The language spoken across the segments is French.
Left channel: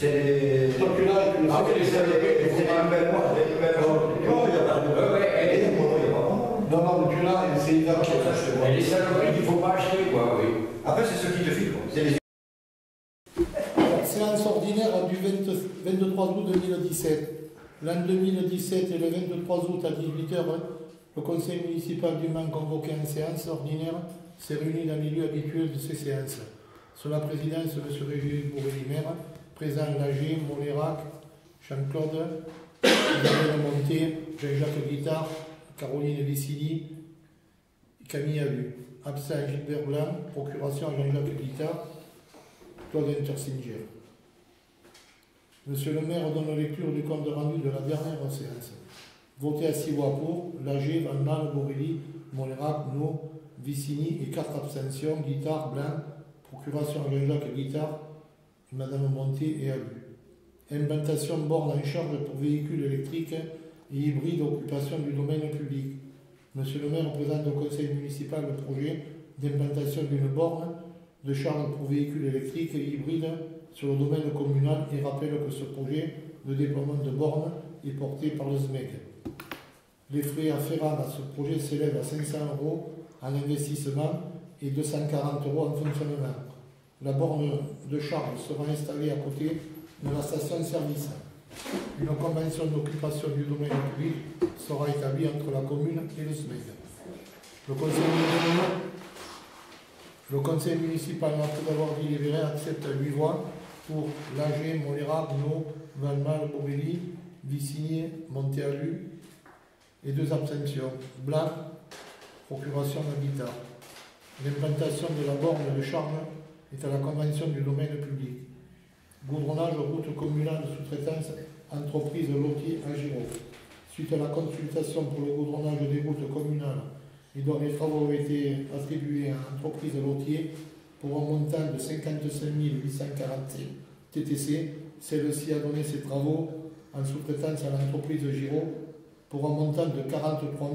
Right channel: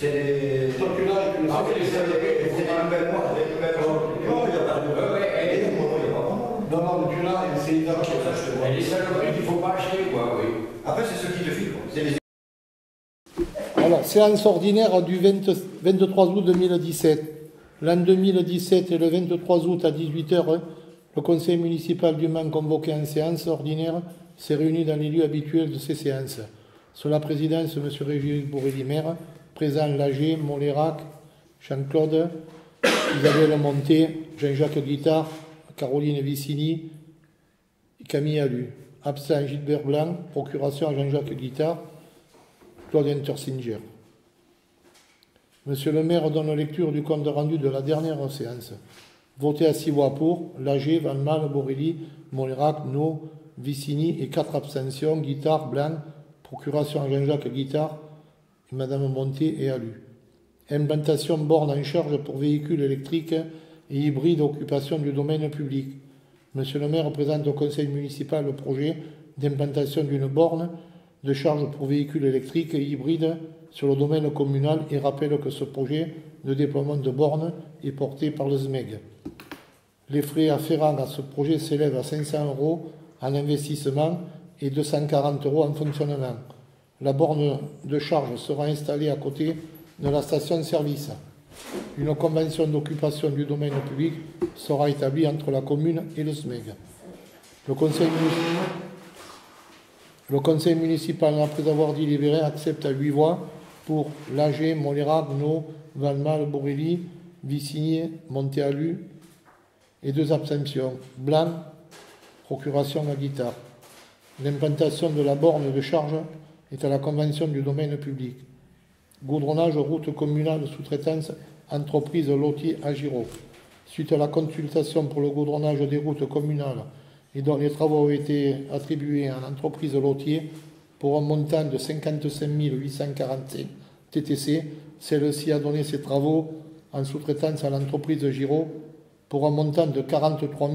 C'est Donc là, c'est une belle moi, c'est une belle moi. Il n'y a pas de non, non, mais tu l'as, c'est identique. Et les saloperies qu'il ne faut pas acheter, quoi, oui. Après, c'est ce qui te file, quoi. C'est les... Alors, séance ordinaire du 23 août 2017. L'an 2017 et le 23 août à 18h, le conseil municipal du Mans convoqué en séance ordinaire s'est réuni dans les lieux habituels de ces séances. Sous la présidence de M. Régis Bourrelli-Maire, présent Lager, Molérac, Jean-Claude, Isabelle Monté, Jean-Jacques Guittard, Caroline Vicini, Camille Allu. Absent Gilbert Blanc, procuration à Jean-Jacques Guittard, Claude Intersinger. Monsieur le maire donne lecture du compte rendu de la dernière séance. Voté à 6 voix pour, Lager, Van Mal, Borelli, Molérac, No, Vicini et 4 abstentions, Guittard, Blanc, procuration à Jean-Jacques Guittard, et Madame Monté et Allu. Implantation borne en charge pour véhicules électriques et hybrides occupation du domaine public. Monsieur le maire présente au conseil municipal le projet d'implantation d'une borne de charge pour véhicules électriques et hybrides sur le domaine communal et rappelle que ce projet de déploiement de bornes est porté par le SMEG. Les frais afférents à ce projet s'élèvent à 500 € en investissement et 240 € en fonctionnement. La borne de charge sera installée à côté de la station-service. Une convention d'occupation du domaine public sera établie entre la commune et le SMEG. Le conseil municipal, après avoir délibéré, accepte à 8 voix pour Lager, Molérac, No, Valmal, Borelli, Vicini, Monté-Allu et 2 abstentions. Blanc, procuration à Guittard. L'implantation de la borne de charge est à la convention du domaine public. Goudronnage, route communale, sous-traitance, entreprise Lotier à Giraud. Suite à la consultation pour le goudronnage des routes communales et dont les travaux ont été attribués à l'entreprise Lotier pour un montant de 55 845 TTC, celle-ci a donné ses travaux en sous-traitance à l'entreprise Giraud pour un montant de 43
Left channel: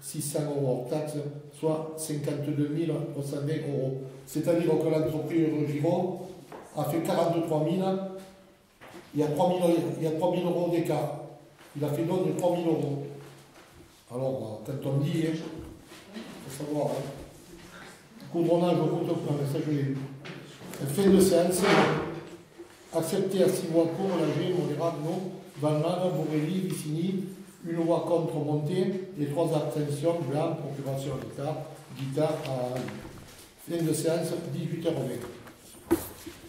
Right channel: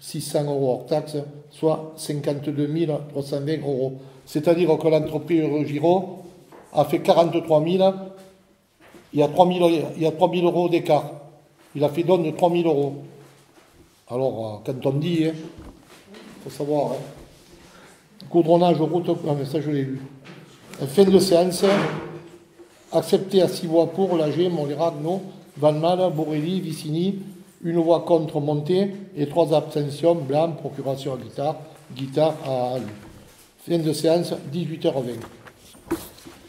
600 € hors taxe, soit 52 320 €. C'est-à-dire que l'entreprise Giraud a fait 43 000, il y a 3 000 € d'écart. Il a fait don de 3 000 €. Alors, quand on dit, il faut savoir, goudronnage, route, non mais ça je l'ai lu. Fin de séance, accepté à 6 voix pour, Lager, Molérac, No, Van Mal, Borelli, Vicini, 1 voix contre, Monté, et 3 abstentions, Blanc, procuration à Guittard à Allu. Fin de séance, 18h20.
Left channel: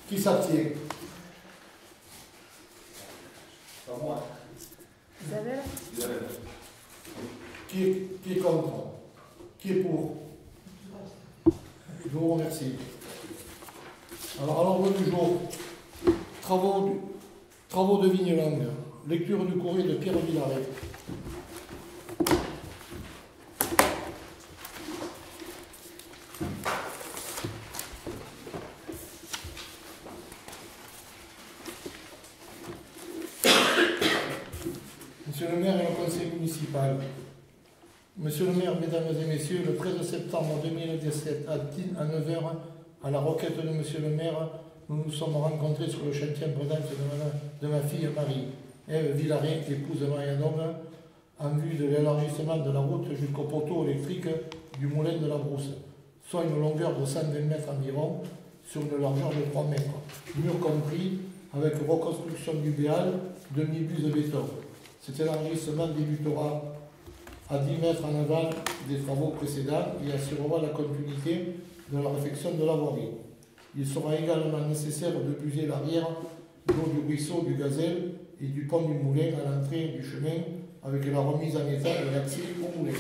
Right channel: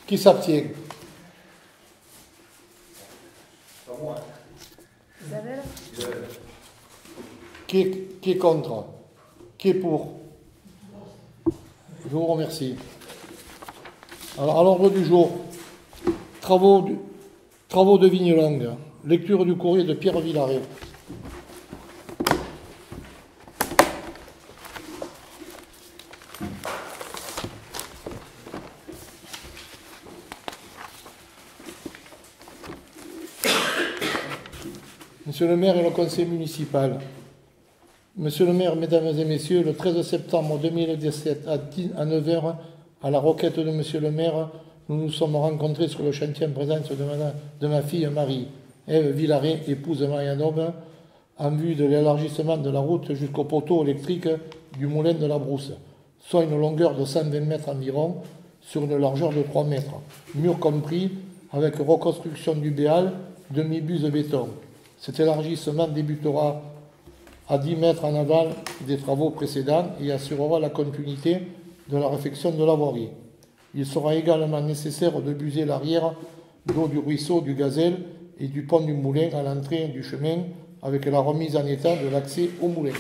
Qui s'abstient? Pas moi. Isabelle? Qui est contre? Qui est pour? Je vous remercie. Alors, à l'ordre du jour, travaux de Vignelongue, lecture du courrier de Pierre Villaret. Monsieur le maire et le conseil municipal. Monsieur le maire, mesdames et messieurs, le 13 septembre 2017 à 9h, à la requête de monsieur le maire, nous nous sommes rencontrés sur le chantier en présence de ma fille Marie, Ève Villaret, épouse Marianne, en vue de l'élargissement de la route jusqu'au poteau électrique du moulin de la Brousse, soit une longueur de 120 mètres environ, sur une largeur de 3 mètres, mur compris, avec reconstruction du béal, demi-buse béton. Cet élargissement débutera à 10 mètres en aval des travaux précédents et assurera la continuité de la réfection de la voirie. Il sera également nécessaire de buser l'arrière d'eau du ruisseau du Gazelle et du pont du Moulin à l'entrée du chemin avec la remise en état de l'accès au moulin.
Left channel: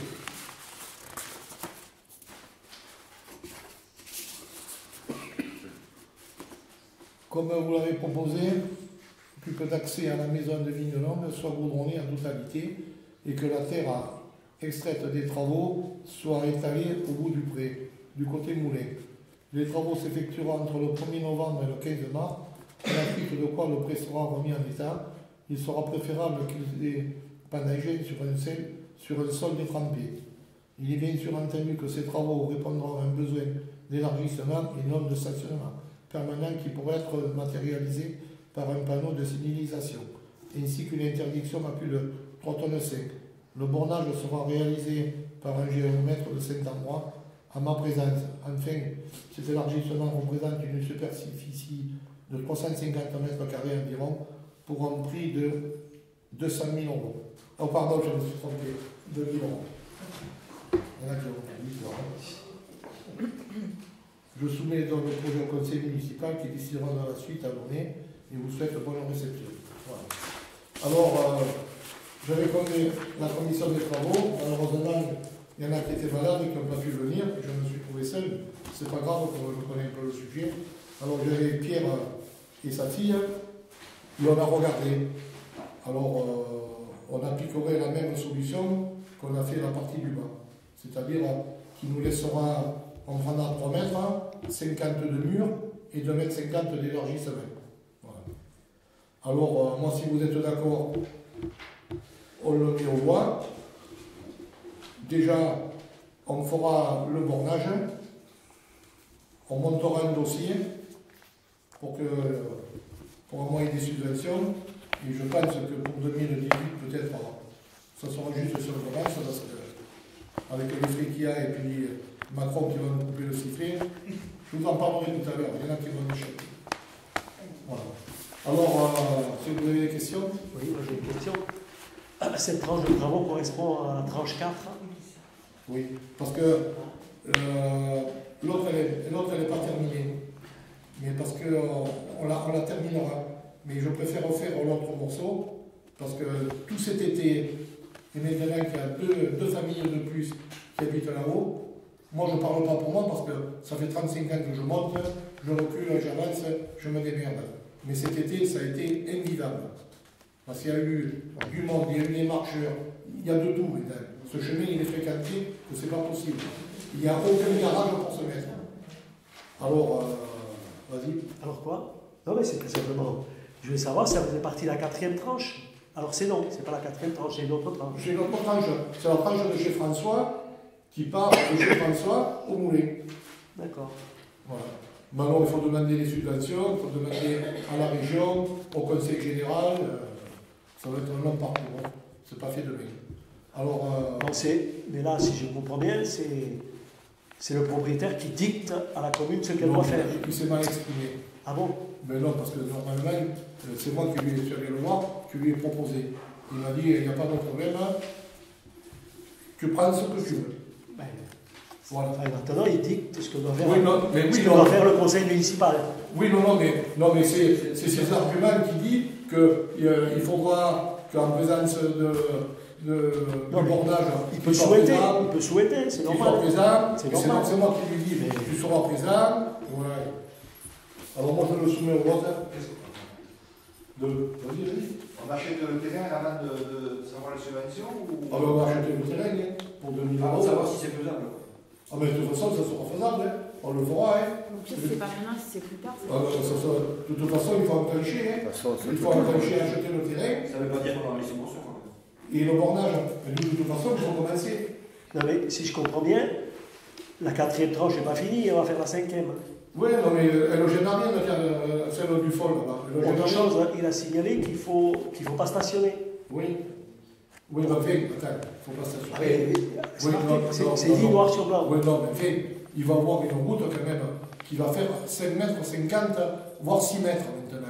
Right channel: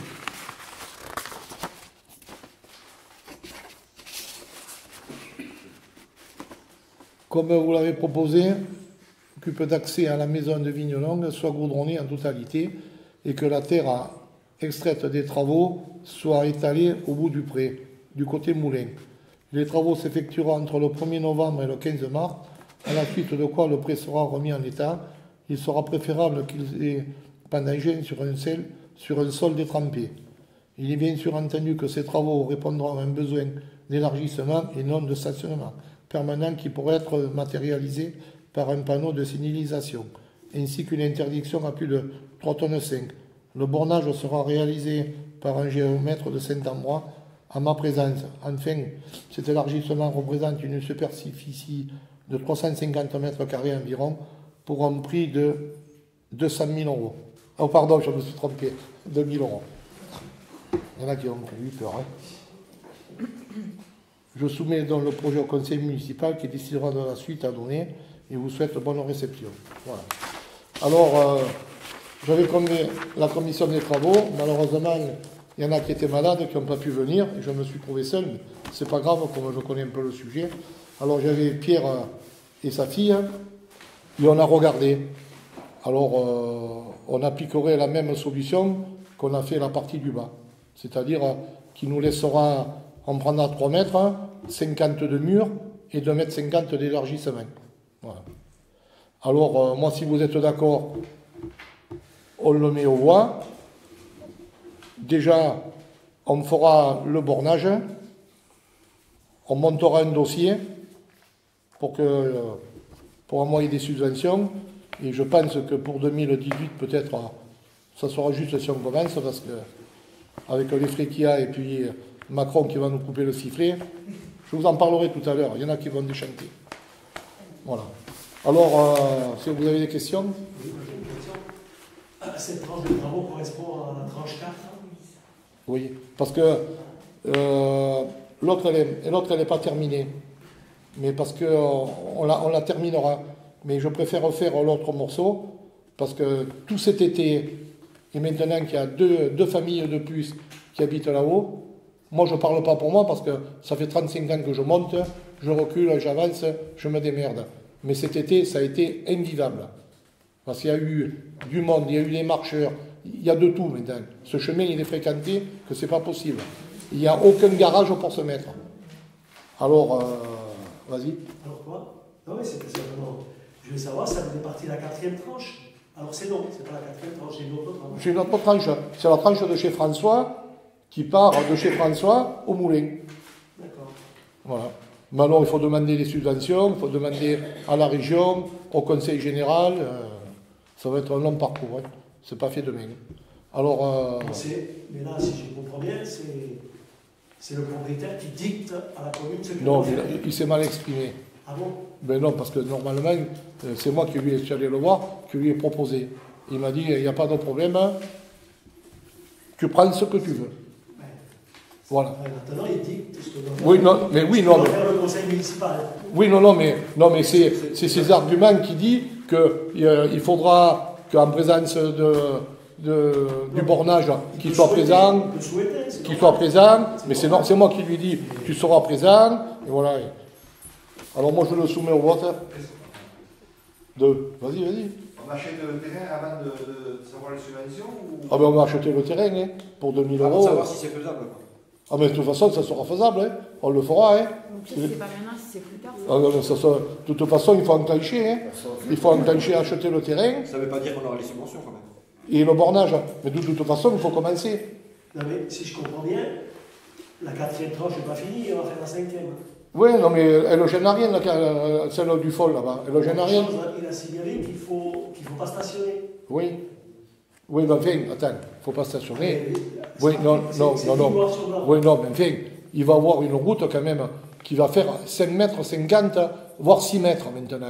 Comme vous l'avez proposé, que d'accès à la maison de Vignelongue soit goudronnée en totalité et que la terre extraite des travaux soit étalée au bout du pré, du côté moulin. Les travaux s'effectueront entre le 1er novembre et le 15 mars, à la suite de quoi le pré sera remis en état. Il sera préférable qu'il ait pendagé sur un sol détrempé. Il est bien sûr entendu que ces travaux répondront à un besoin d'élargissement et non de stationnement permanent qui pourrait être matérialisé par un panneau de signalisation, ainsi qu'une interdiction à plus de 3,5 tonnes. Le bornage sera réalisé par un géomètre de Saint-Ambrois à ma présence. Enfin, cet élargissement représente une superficie de 350 mètres carrés environ pour un prix de 200 000 euros. Oh pardon, je me suis trompé, 2 000 euros. Il y en a qui ont eu peur. Hein. Je soumets donc le projet au conseil municipal qui décidera de la suite à donner et vous souhaite bonne réception. Voilà. Alors, j'avais convié la commission des travaux. Malheureusement, il y en a qui étaient malades, qui n'ont pas pu venir. Et je me suis trouvé seul. C'est pas grave, comme je connais un peu le sujet. Alors, j'avais Pierre et sa fille. Et on a regardé. Alors, on appliquerait la même solution qu'on a fait la partie du bas. C'est-à-dire qui nous laissera, on prendra 3 mètres, 50 de mur et 2,50 m d'élargissement. Voilà. Alors, moi, si vous êtes d'accord, on le met aux voies. Déjà, on fera le bornage. On montera un dossier pour envoyer des subventions. Et je pense que pour 2018, peut-être, ça sera juste si on commence, parce que avec les frais qu'il y a et puis Macron qui va nous couper le sifflet, je vous en parlerai tout à l'heure. Il y en a qui vont déchanter. Voilà. Alors, si vous avez des questions. Oui, j'ai une question. Cette tranche de travaux correspond à la tranche 4. Oui, parce que l'autre, elle n'est pas terminée. Mais parce qu'on la terminera. Mais je préfère refaire l'autre morceau, parce que tout cet été, et maintenant qu'il y a deux familles de plus qui habitent là-haut, moi je ne parle pas pour moi, parce que ça fait 35 ans que je monte, je recule, j'avance, je me démerde. Mais cet été, ça a été invivable. Parce qu'il y a eu du monde, il y a eu les marcheurs, il y a de tout maintenant. Ce chemin, il est fréquenté, que c'est pas possible. Il n'y a aucun garage pour se mettre. Alors, vas-y. Alors quoi? Non mais c'est simplement, je voulais savoir si ça faisait partie de la 4e tranche. Alors c'est non, c'est pas la 4e tranche, j'ai une autre tranche. J'ai une autre tranche, c'est la tranche de chez François, qui part de chez François au moulin. D'accord. Voilà. Maintenant, il faut demander les subventions, il faut demander à la région, au conseil général. Ça va être un long parcours, hein. C'est pas fait demain. Alors, mais là, si je comprends bien, c'est le propriétaire qui dicte à la commune ce qu'elle non, doit faire. il s'est mal exprimé. Ah bon? Ben non, parce que normalement, c'est moi qui lui ai allé le voir, qui lui ai proposé. Il m'a dit, il n'y a pas de problème, tu prends ce que tu veux. Ouais. Voilà. Maintenant, il dicte ce que doit faire, Oui, non, mais oui, non. faire le conseil municipal. Oui, non, mais c'est ces arguments qui disent qu'il faudra qu'en présence du bornage, qu'il soit présent, mais c'est moi qui lui dis, tu seras présent, et voilà. Alors moi je le soumets au vote. Vas-y. On achète le terrain avant de savoir les subventions ou... Ah ben on va acheter le terrain, hein, pour 2000 euros. Pour savoir si c'est faisable. Ah mais de toute façon ça sera faisable, hein. On le fera. Hein. Donc ça c'est pas maintenant, si c'est plus tard. Ah, non, de toute façon il faut enclencher. Hein. Il faut enclencher à acheter le terrain. Ça ne veut pas dire qu'on aura les subventions. Et le bornage. Mais de toute façon il faut commencer. Non mais si je comprends bien, la 4e tranche n'est pas finie, on va faire la 5e. Oui, non mais elle ne gêne rien, celle du fol là-bas. Elle ne gêne rien. Il a signalé qu'il ne faut pas stationner. Oui. Oui, mais enfin, attends, il ne faut pas stationner. C'est Oui, non. noir sur blanc. Oui, non, mais enfin, il va avoir une route quand même qui va faire 5 mètres 50, voire 6 mètres maintenant.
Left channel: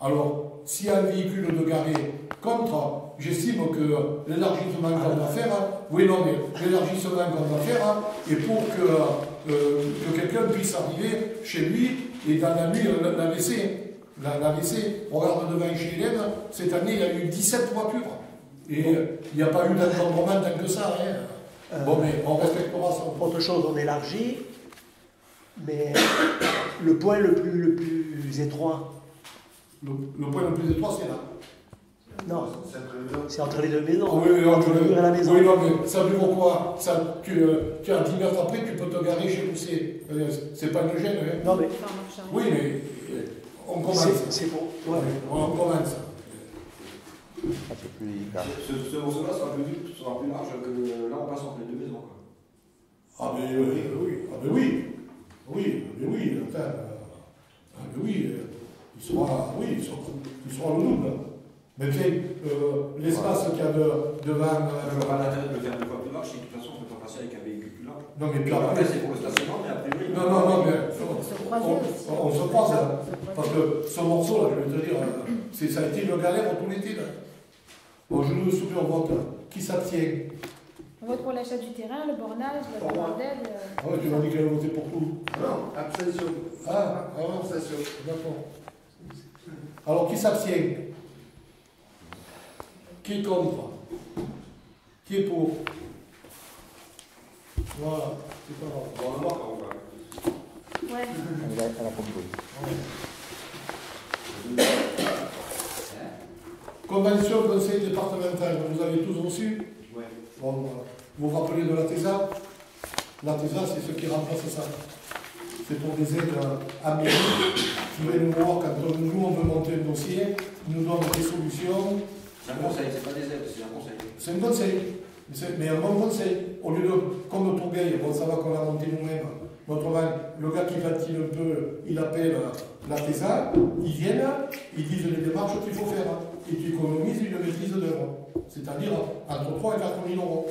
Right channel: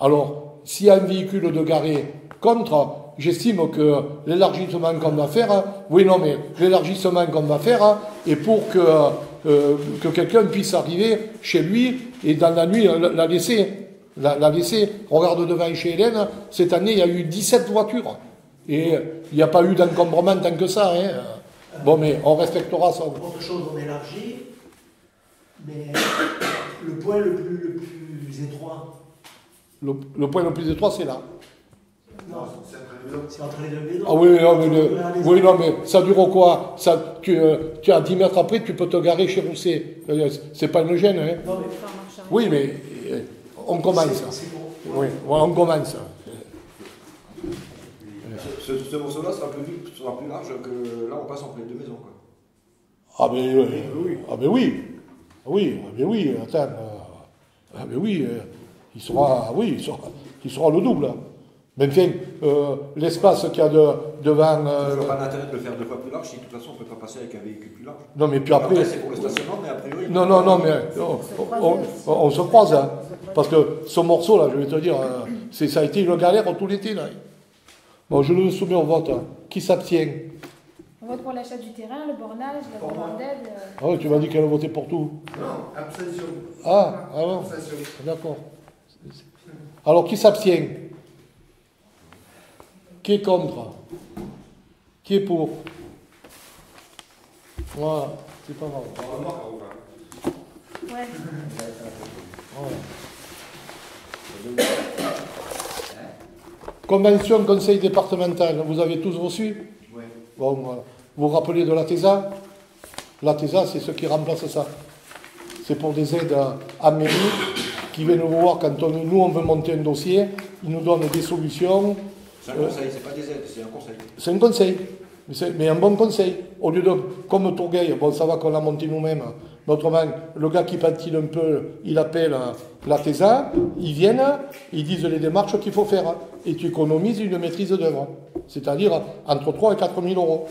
Alors, s'il y a un véhicule de garé contre, j'estime que l'élargissement qu'on va faire, l'élargissement qu'on va faire, est pour que quelqu'un puisse arriver chez lui et dans la nuit la laisser. Regarde devant chez Hélène, cette année il y a eu 17 voitures. Et il n'y a pas eu d'encombrement tant que ça. Hein. Bon, mais on respectera ça. Autre chose, on élargit, mais le point le plus étroit. Le point le plus étroit, c'est là. Non, c'est entre les deux maisons. Ah oui, non, mais ça dure quoi ça, tu as 10 mètres après, tu peux te garer chez Rousset. C'est pas une gêne. Hein. Non, mais... Oui, mais on commence. C'est bon. Oui, on commence. Ce morceau-là sera plus large que là, on passe entre les deux maisons. Ah ben oui. Ah ben oui. Oui, attends. Ah ben oui. il sera, oui, il sera le double. Mais enfin, l'espace qu'il y a devant... Je vois pas l'intérêt de le faire deux fois plus large si de toute façon on peut pas passer avec un véhicule plus large. Non, mais puis après... C'est pour le stationnement, mais a priori... Non, mais on se croise, hein. Parce que ce morceau, là, je vais te dire, ça a été une galère tout l'été, là. Bon, je le soumets au vote. Hein. Qui s'abstient? On vote pour l'achat du terrain, le bornage, la demande d'aide. Ah ouais, tu m'as dit qu'elle votait pour tout. Non, abstention. Ah ouais. Abstention. D'accord. Alors, qui s'abstient? Qui est contre? Qui est pour? Voilà, c'est pas grave. On va voir quand on va. Ouais. Convention conseil départemental, vous avez tous reçu? Oui. Bon, voilà. Vous vous rappelez de la TESA? La TESA, c'est ce qui remplace ça. C'est pour des aides à mairie qui viennent nous voir quand nous on veut monter un dossier, ils nous donnent des solutions. C'est un conseil, c'est pas des aides, c'est un conseil. C'est un conseil, mais un bon conseil. Au lieu de, comme Tourgueil, bon, ça va qu'on l'a monté nous-mêmes. Autrement, le gars qui patine un peu, il appelle la TESA, ils viennent, ils disent les démarches qu'il faut faire. Et tu économises une maîtrise d'œuvre. C'est-à-dire entre 3 et 4 000 euros.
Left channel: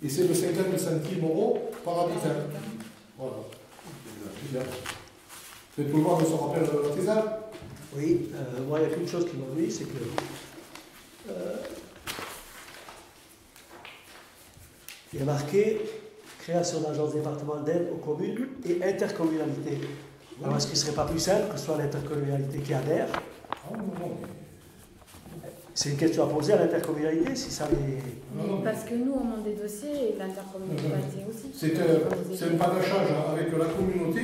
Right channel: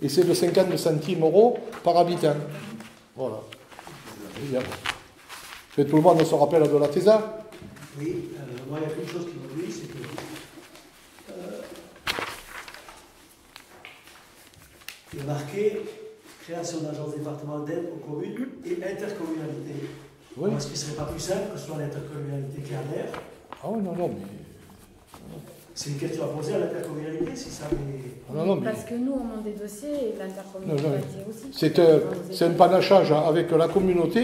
Et c'est de 50 centimes euros par habitant. Voilà. Et tout le monde se rappelle de la TESA? Oui, moi, il y a une chose qui m'a dit, c'est que il y a marqué création d'agence département d'aide aux communes et intercommunalité. Oui. Est-ce qu'il ne serait pas plus simple que ce soit l'intercommunalité qui adhère? Ah oui, non, mais... C'est une question à poser à l'intercommunalité, si ça les... Non, mais... Parce que nous, on monte des dossiers et l'intercommunalité aussi. C'est un panachage avec la communauté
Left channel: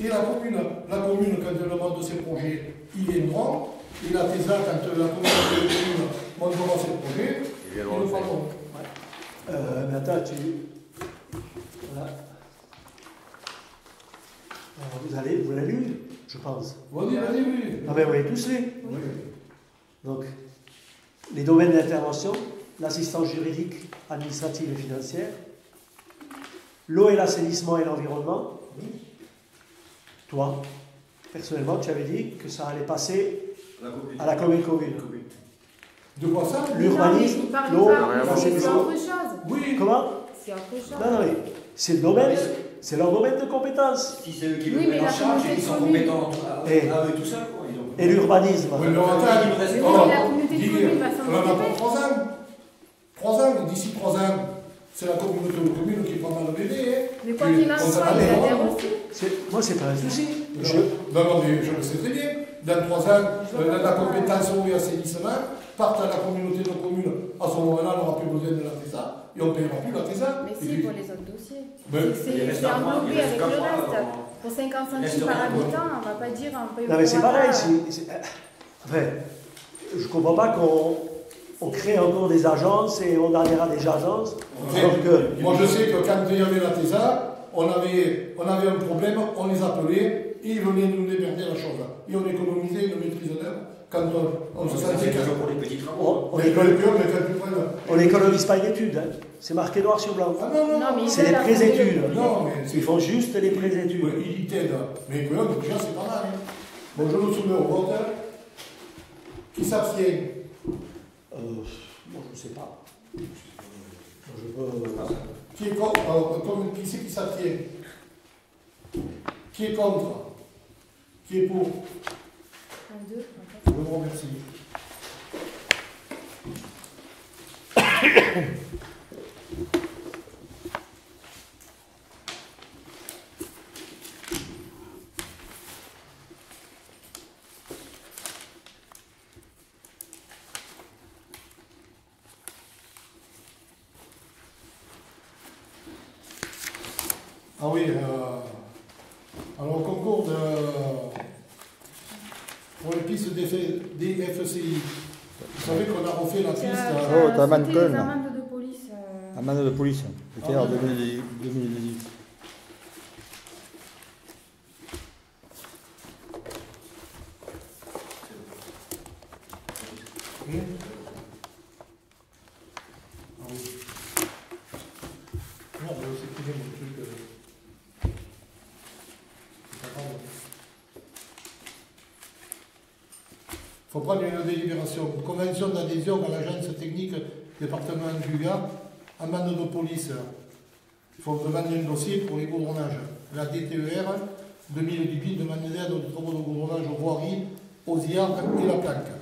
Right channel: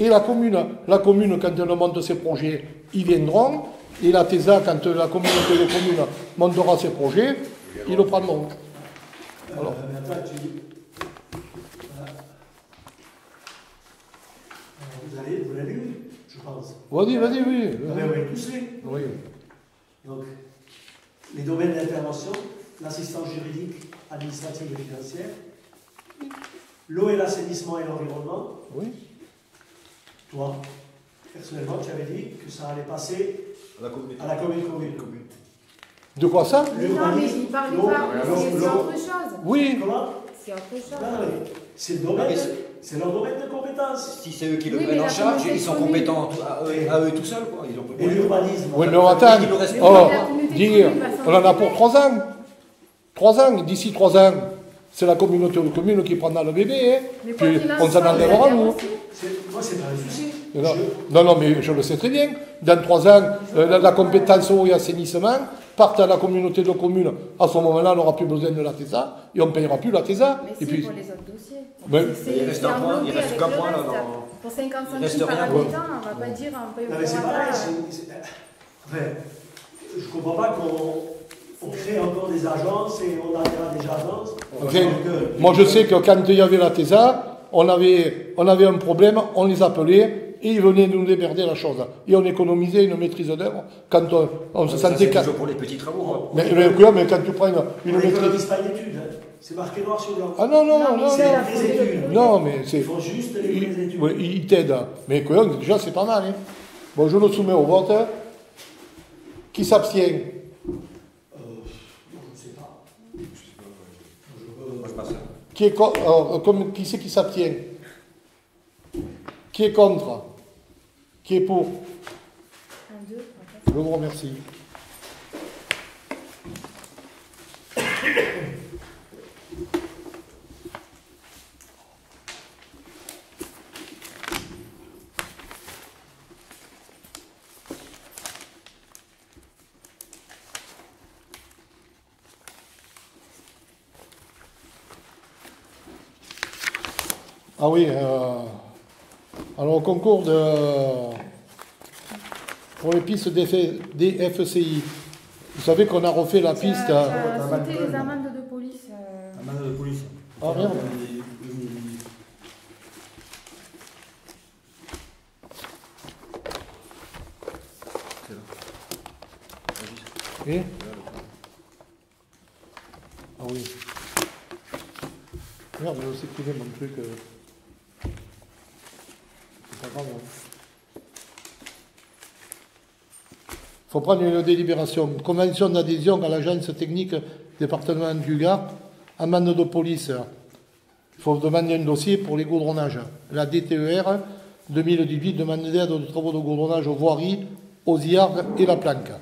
et la commune. La commune, quand elle monte ses projets, ils viendront. Et la TESA, quand la communauté de communes montera ses projets, ils le prendront. Attends, voilà. Alors, vous l'avez lu, je pense. Vas-y, oui. Vous avez tous lu. Oui. Donc, les domaines d'intervention, l'assistance juridique, administrative et financière, l'eau et l'assainissement et l'environnement. Oui. Toi, personnellement, tu avais dit que ça allait passer À à la commune. De quoi ça? Mais non, mais il parle l'eau, pas. C'est autre chose. Oui. Comment? C'est autre chose. Non, c'est le domaine, c'est leur domaine de compétence. Si c'est eux qui Oui, le mais prennent en la charge, communauté ils sont commune. compétents à eux tout seuls, quoi. Et l'urbanisme. Oui, mais attends. Mais Oh, la communauté de dis, communes va on en a s'en pour 3 ans. 3 ans. D'ici 3 ans, c'est la communauté de communes qui prendra le bébé. Hein. Mais quoi Puis, qu'il en on s'en soit, ils enlèvera, adhèrent nous. aussi. Moi, c'est pas un souci. Non, mais je le sais très bien. Dans 3 ans, la compétence eau et assainissement part à la communauté de communes. À ce moment-là, on n'aura plus besoin de la TESA et on ne payera plus la TESA. Mais Et si, puis, pour les autres dossiers. Mais- C'est englobé avec le reste. Pour 50 centimes par habitant, on ne va pas dire un peu Non, mais c'est pareil. prorata. Je ne comprends pas qu'on crée encore des agences et on enverra des agences. Enfin, moi, je sais que quand il y avait la TESA, on avait un problème, on les appelait et ils venaient nous démerder la chose. Et on économisait une maîtrise d'œuvre quand on se sentait C'est pour les petits travaux. mais quand tu prends On une n'économise pas une étude. Hein. C'est marqué noir sur blanc. Ah non, Non, mais non, ils c'est veulent les affronter le études. projet. non, mais c'est... Ils font juste les études. Oui, ils t'aident. Mais quoi, déjà, c'est pas mal. Hein. Bon, je le soumets au vote. Qui s'abstient? Je ne sais pas. Qui est contre? Alors, qui c'est qui s'abstient? Qui est contre? Qui est pour? 1, 2, Je vous remercie. Ah oui, alors au concours pour les pistes des FCI, vous savez qu'on a refait la piste. t'as t'as sauté Manton. les amendes de police. Amende de police. Ah, C'était en ouais. 2018. Et ah oui. Merde, j'ai aussi privé mon truc. C'est pas grave. faut prendre une délibération. Convention d'adhésion à l'agence technique département du Gard. Amende de police. Il faut demander un dossier pour les goudronnages. La DTER 2018 demande d'aide aux travaux de goudronnage aux voiries, aux IARG et la planque.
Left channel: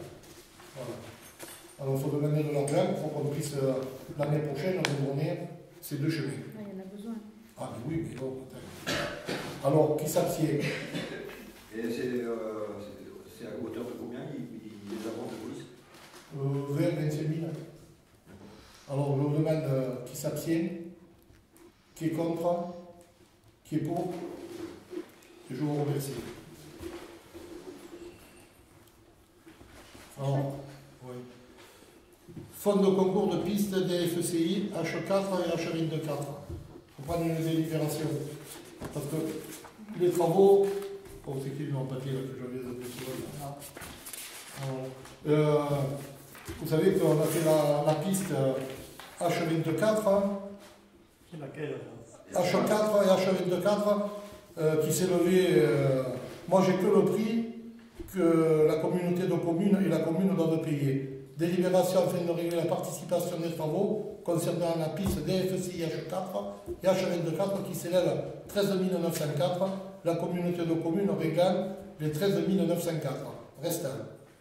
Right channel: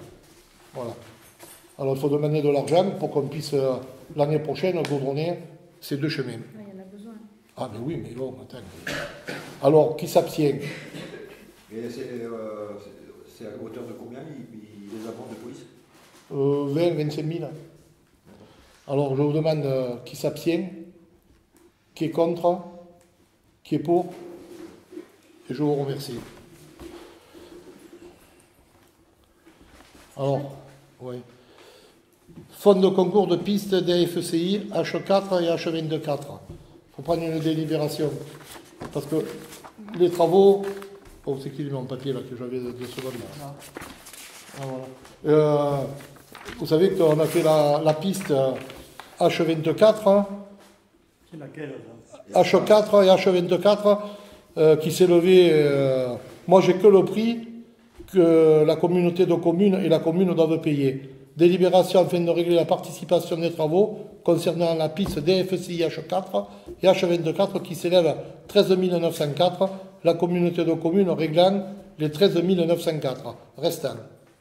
Voilà. Alors il faut demander de l'argent pour qu'on puisse l'année prochaine goudronner ces deux chemins. Il y en a besoin. Ah mais oui, mais bon, attends. Alors, qui s'abstient? Et c'est à hauteur de combien les amendes de police 20, 25 000. Alors, je vous demande qui s'abstient, qui est contre, qui est pour, et je vous remercie. Alors, oui. Fonds de concours de pistes des FCI H4 et H24. Il faut prendre une délibération. Parce que les travaux. Oh, c'est qui mon papier là que j'avais 2 secondes là. Ah, voilà. Vous savez qu'on a fait la piste H24. C'est laquelle H4 et H24 qui s'est levé. Moi, j'ai que le prix que la communauté de communes et la commune doivent payer. Délibération afin de régler la participation des travaux concernant la piste DFCI H4 et H24 qui s'élève à 13 904. La communauté de communes réglant les 13 904 restants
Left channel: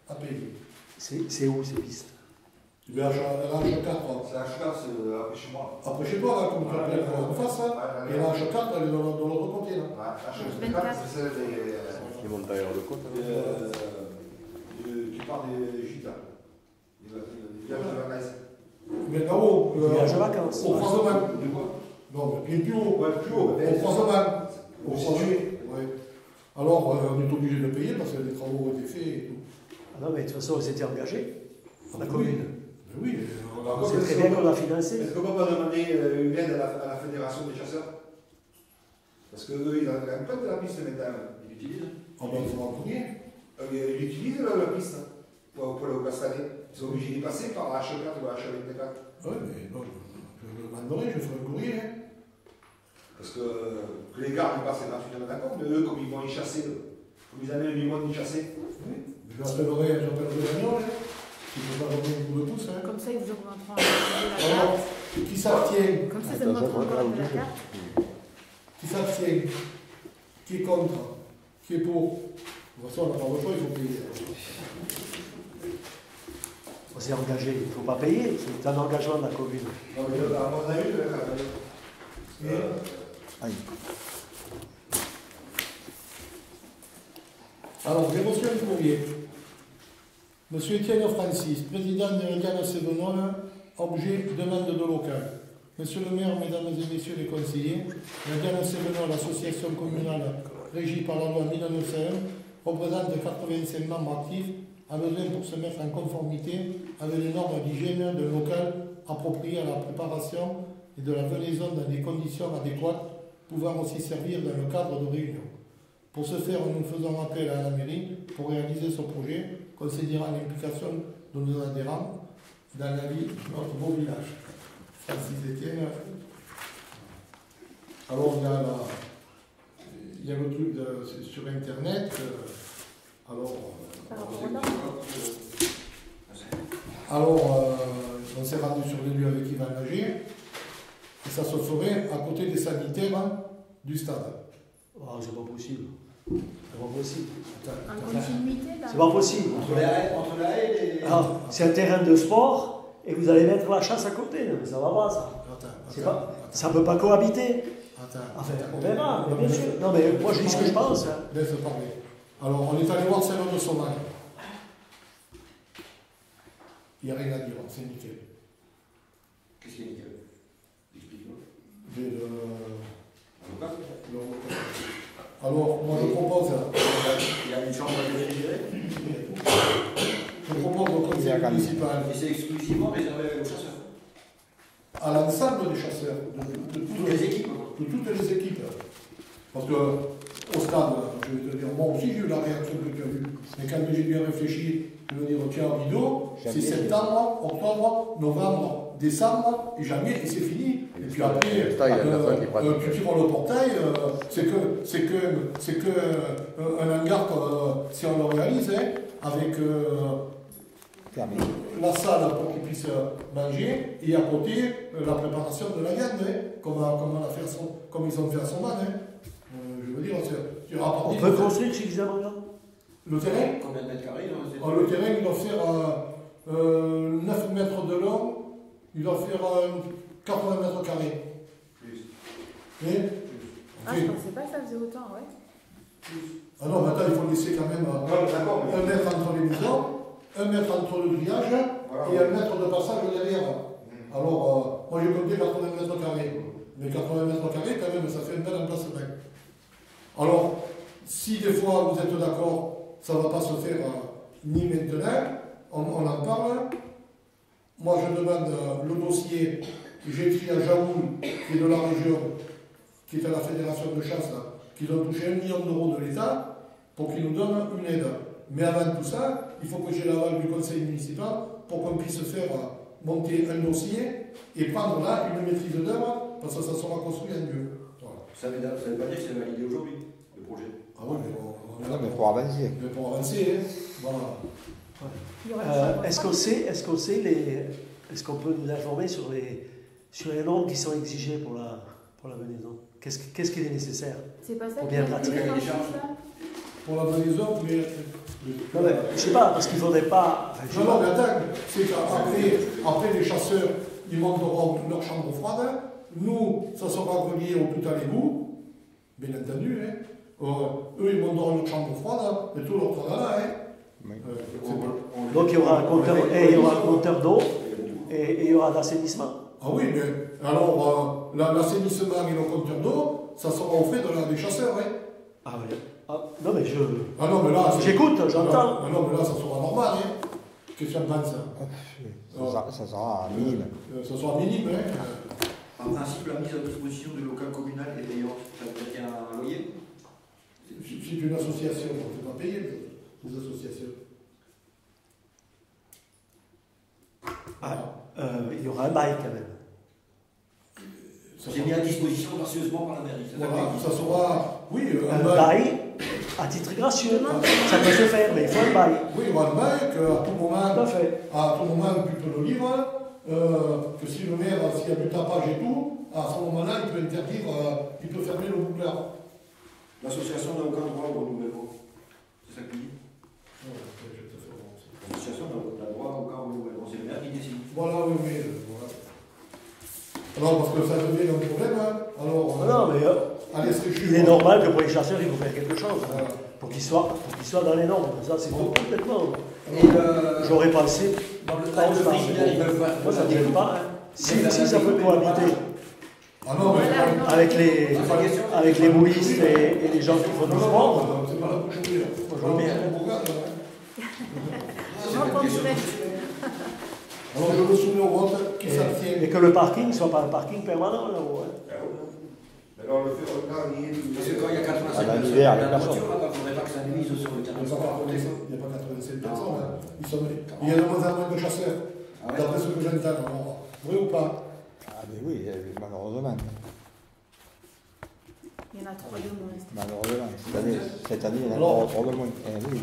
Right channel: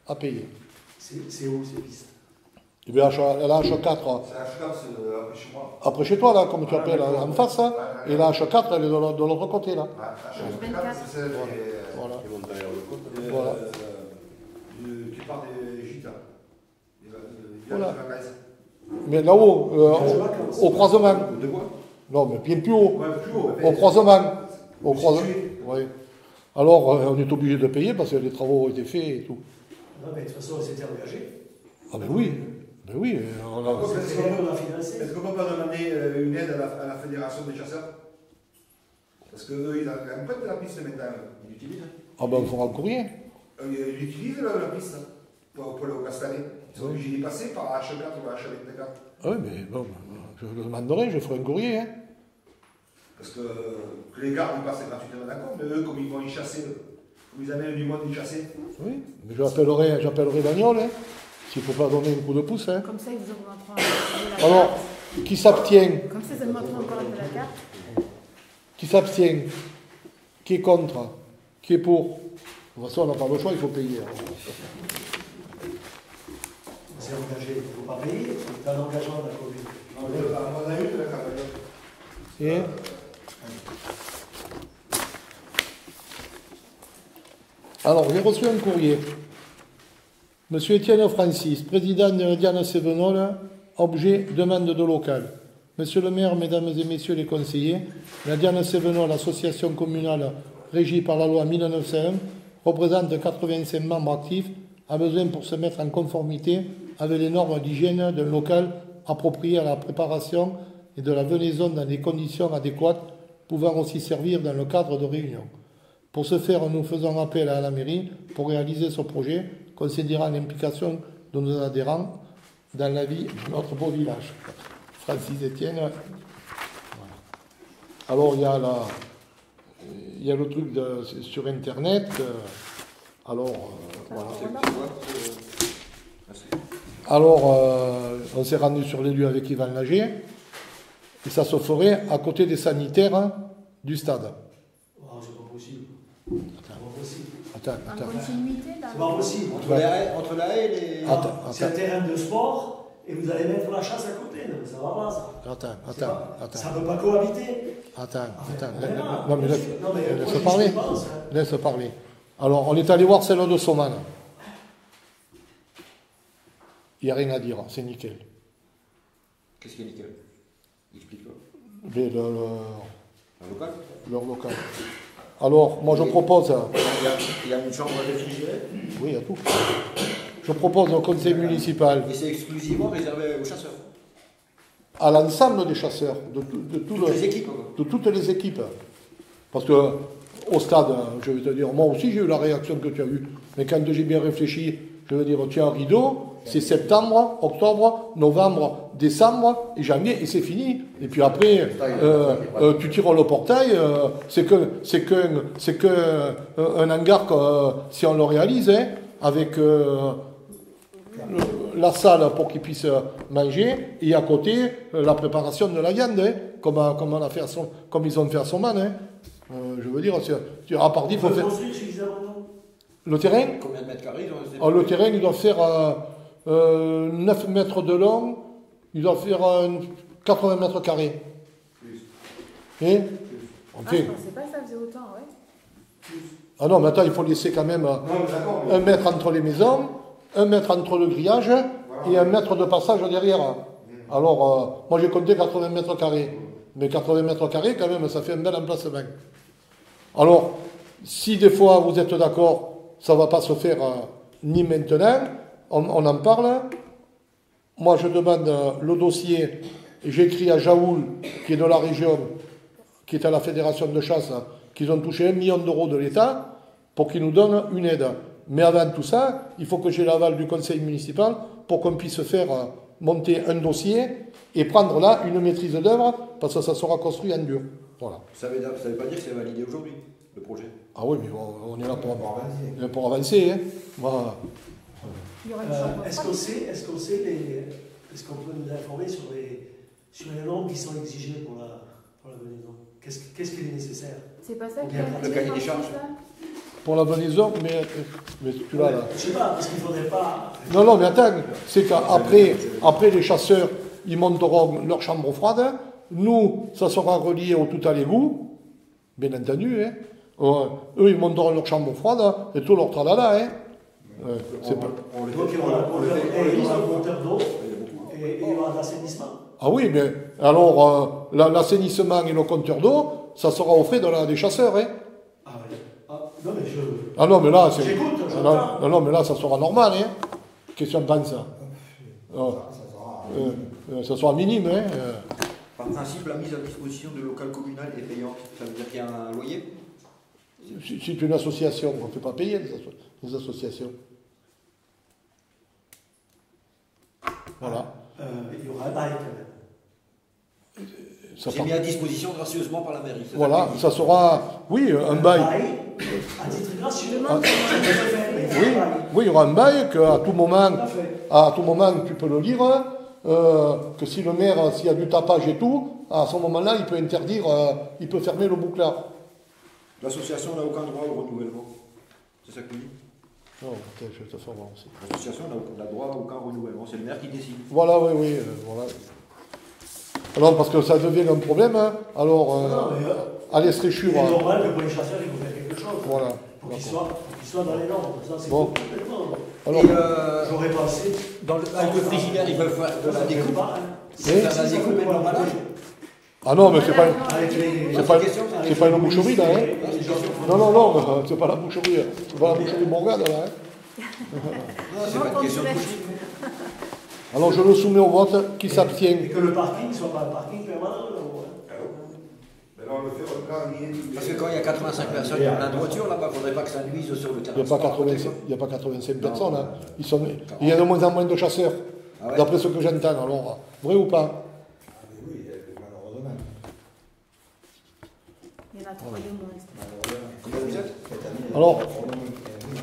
à payer. C'est où ces pistes? Eh bien, la H4. C'est H4, c'est après chez moi. Après chez toi, là, comme tu appelles, en face, hein, et la H4, elle est de l'autre côté, là. H24, c'est celle Qui monte d'ailleurs le côte. Voilà. Tu parles des gitans. Voilà. Mais là-haut, au croisement. De quoi? Non, mais bien plus haut. Ouais, plus haut. Au croisement. Au croisement. Oui. Alors, on est obligé de payer parce que les travaux ont été faits et tout. Non, mais de toute façon, on s'était engagé. Ah, ben oui. Ben oui. On a... C'est on l'a financé. Est-ce qu'on peut demander une aide à la Fédération des chasseurs? Parce qu'eux, ils n'ont pas de la piste maintenant. Ils l'utilisent. Ah, ben, il faudra un courrier. Ils utilisent la piste pour le castaner. Ils sont obligés d'y passer par la H4 ou la H24. Ah oui, mais bon, je le demanderai, je ferai un courrier. Hein. Parce que les gardes, ils passent gratuitement d'accord, mais eux, comme ils vont y chasser, comme ils amènent du monde y chasser. Oui, mais j'appellerai Daniel, hein, s'il ne faut pas donner un coup de pouce. Hein. Comme ça, ils vous augmenteront un peu la Alors, carte. qui s'abstient? Comme ça, ça augmentera encore un peu la carte. Qui s'abstient? Qui est contre? Qui est pour? De toute façon, on n'a pas le choix, il faut payer. On s'est engagé. Il ne faut pas payer. C'est un engagement de la commune. Non, mais on a eu de la Et alors, j'ai reçu un courrier. Monsieur Étienne Francis, président de Diane Sévenol, objet demande de local. Monsieur le maire, mesdames et messieurs les conseillers, la Diane Sévenol, association communale régie par la loi 1901, représente 85 membres actifs, a besoin pour se mettre en conformité avec les normes d'hygiène d'un local approprié à la préparation et de la venaison dans des conditions adéquates, pouvant aussi servir dans le cadre de réunions. Pour ce faire, nous faisons appel à la mairie pour réaliser ce projet, considérant l'implication de nos adhérents dans la vie de notre beau village. Francis Etienne. Voilà. Alors, il y a le truc sur Internet. On s'est rendu sur les lieux avec Yvan Lager. Et ça se ferait à côté des sanitaires du stade. Oh, c'est pas possible. C'est pas possible. En continuité, là. C'est pas possible. Entre la haie et les... C'est un terrain de sport et vous allez mettre la chasse à côté. Non, ça va pas, ça. Attends. Ça ne peut pas cohabiter. Attends. Non, mais Laisse parler. Laisse parler. Alors, on est allé voir celle de Soman. Il n'y a rien à dire, c'est nickel. Qu'est-ce qui est nickel? Explique-le. Leur local. Alors, moi je propose. Il y a une chambre de réfrigérée? Oui, il y a tout. Je propose au conseil municipal. Et c'est exclusivement réservé aux chasseurs? À l'ensemble des chasseurs, de toutes les équipes. Parce que au stade, je vais te dire, moi aussi j'ai eu la réaction que tu as eue. Mais quand j'ai bien réfléchi, je veux dire, tiens, rideau, c'est septembre, octobre, novembre, décembre et janvier, et c'est fini. Et puis après, tu tires le portail, c'est qu'un hangar, si on le réalise, hein, avec la salle pour qu'ils puissent manger, et à côté, la préparation de la viande, hein, comme ils ont fait à Soman. Hein. Je veux dire, à part dit, il faut faire... Le terrain? Combien de mètres carrés Le terrain, il doit faire 9 mètres de long, il doit faire 80 mètres carrés. Et Ah, je pensais pas que ça faisait autant, ouais. Ah non, mais attends, il faut laisser quand même 1 mètre entre les maisons, 1 mètre entre le grillage et 1 mètre de passage derrière. Alors, moi j'ai compté 80 mètres carrés. Mais 80 mètres carrés, quand même, ça fait un bel emplacement. Alors, si des fois vous êtes d'accord, ça ne va pas se faire ni maintenant, on en parle. Moi je demande le dossier, j'écris à Jaoul, qui est de la région, qui est à la fédération de chasse, qu'ils ont touché 1 million d'euros de l'État pour qu'ils nous donnent une aide. Mais avant tout ça, il faut que j'ai l'aval du conseil municipal pour qu'on puisse faire monter un dossier et prendre là une maîtrise d'œuvre, parce que ça sera construit en Dieu. Voilà. Ça ne veut pas dire que c'est validé aujourd'hui, le projet. Ah oui, mais on est là Pour avancer. pour avancer. Hein. Voilà. Il y aura une chambre Est-ce froide. qu'on peut nous informer sur les normes qui sont exigées pour la venaison? Qu'est-ce qui est nécessaire? C'est pas ça qui Bien, a le été cahier des fait charges. ça? Pour la venaison, mais tu vois, Je sais pas, parce qu'il ne faudrait pas. Non, mais attends, c'est qu'après les chasseurs, ils monteront leur chambre froide. Nous, ça sera relié au tout à l'égout, bien entendu. Hein. Eux, ils monteront leur chambre froide et tout leur tralala. Hein. C'est pas... Donc il y aura un compteur d'eau et il y aura l'assainissement. Ah oui, mais alors l'assainissement et le compteur d'eau, ça sera au fait des chasseurs. Hein. Ah ouais. Non mais Ah non, mais là, c'est... j'écoute, j'entends. Non, mais là, ça sera normal. Hein. Qu'est-ce que tu en penses? Ça sera minime. Ça sera minime. Hein. En principe, la mise à disposition de local communal est payante. Ça veut dire qu'il y a un loyer. C'est une association, on ne fait pas payer les associations. Voilà. Il y aura un bail quand même. C'est mis à disposition gracieusement par la mairie. Voilà, ça sera, oui, un bail. À titre gracieux. Je demande Ça peut se faire, mais c'est un bail. Oui, il y aura un bail qu'à tout moment, Tout à fait. à tout moment, tu peux le lire, que si le maire, s'il y a du tapage et tout, à ce moment-là, il peut interdire, il peut fermer le bouclard. L'association n'a aucun droit au renouvellement. C'est ça que tu dis? Non, ok, je vais te faire voir aussi. L'association n'a droit à aucun renouvellement. C'est le maire qui décide. Voilà, oui, voilà. Alors, parce que ça devient un problème, hein, alors, Non, mais allez se il réchouir. est normal que pour les chasseurs, il faut faire quelque chose. Voilà. Pour qu'ils soient dans les normes. Ça, c'est Bon. complètement. Alors, J'aurais pensé. Dans le cadre frigidaire, ils peuvent faire des coupes. Si ça peut pour la protéger. ah non, mais c'est pas... Avec les. C'est pas une boucherie, là, hein. Les gens qui font. Non, c'est pas la boucherie. C'est pas la boucherie Bourgade, là. Hein. Je m'entends direct. Alors, je le soumets au vote. Qui s'abstient? Et que le parking ne soit pas un parking permanent. Mais là, on le fait au carrier. Parce que quand il y a 85 personnes dans la voiture, là, il ne faudrait pas que ça nuise sur le terrain. Il n'y a pas 85 personnes. Hein. Il y a de moins en moins de chasseurs, Ah ouais. d'après ce que j'entends. Alors, vrai ou pas? Ah, mais oui, malheureusement. Il y en a 3 de moins. Malheureusement. Cette année, il y en a Alors- pour le moins. Oui,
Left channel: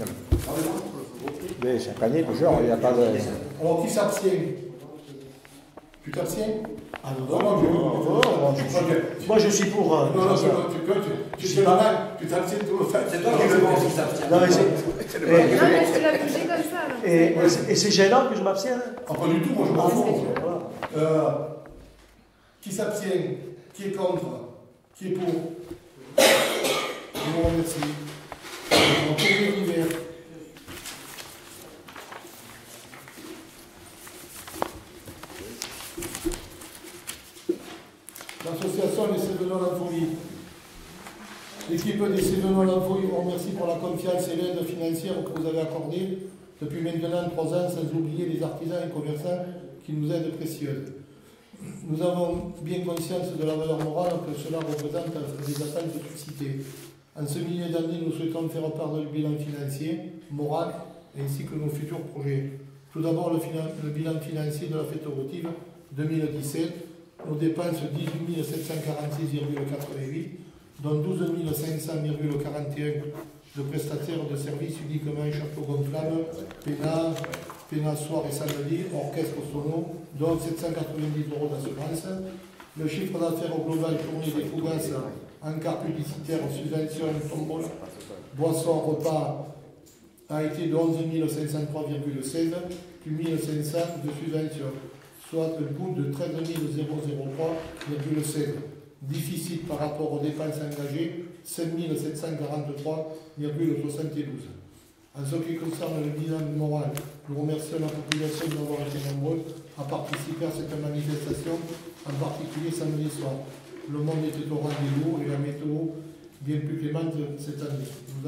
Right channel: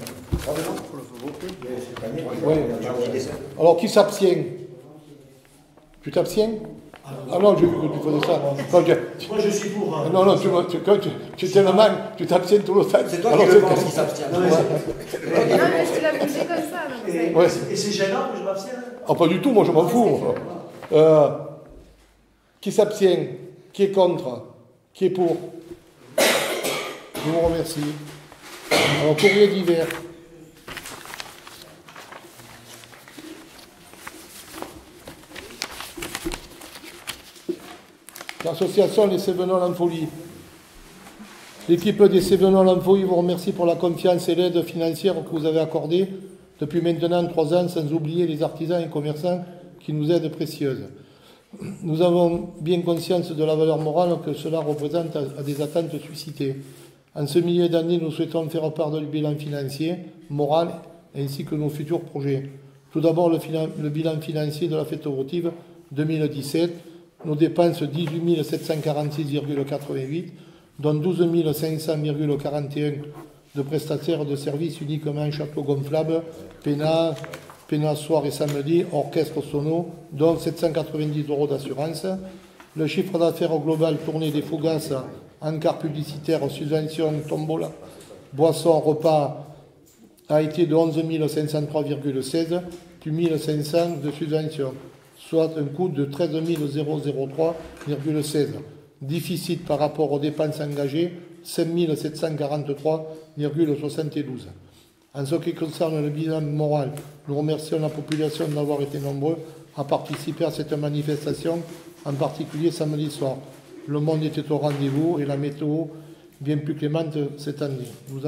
mais chaque année, toujours, il n'y a pas de. Alors, qui s'abstient? Tu t'abstiens? Ah non, tu faisais ça. Non. Moi, je suis pour. Non, tu tiens le mal, tu t'abstiens tout le temps. C'est toi Alors, qui le pense qui s'abstient. Non, mais Non, mais je te l'ai bougé comme ça. Donc Et, c'est- et c'est gênant que je m'abstienne. Ah, pas du tout, moi je m'en Ouais, fous. c'est moi. Qui s'abstient? Qui est contre? Qui est pour? Je vous remercie. Alors, courrier d'hiver. L'association Les Cévenols en Folie. L'équipe des Cévenols en Folie vous remercie pour la confiance et l'aide financière que vous avez accordée depuis maintenant 3 ans, sans oublier les artisans et commerçants qui nous aident précieuses. Nous avons bien conscience de la valeur morale que cela représente à des attentes suscitées. En ce milieu d'année, nous souhaitons faire part du bilan financier, moral, ainsi que nos futurs projets. Tout d'abord, le bilan financier de la fête votive 2017. Nos dépenses 18 746,88, dont 12 500,41 de prestataires de services uniquement château gonflable, pénal soir et samedi, orchestre sono, dont 790 € d'assurance. Le chiffre d'affaires global tourné des fougasses, encarts publicitaires, subventions, tombola, boissons, repas a été de 11 503,16 plus 1500 de subventions, soit un coût de 13 003,16. Déficit par rapport aux dépenses engagées, 5 743,72. En ce qui concerne le bilan moral, nous remercions la population d'avoir été nombreux à participer à cette manifestation, en particulier samedi soir. Le monde était au rendez-vous et la météo bien plus clémente cette année. Nous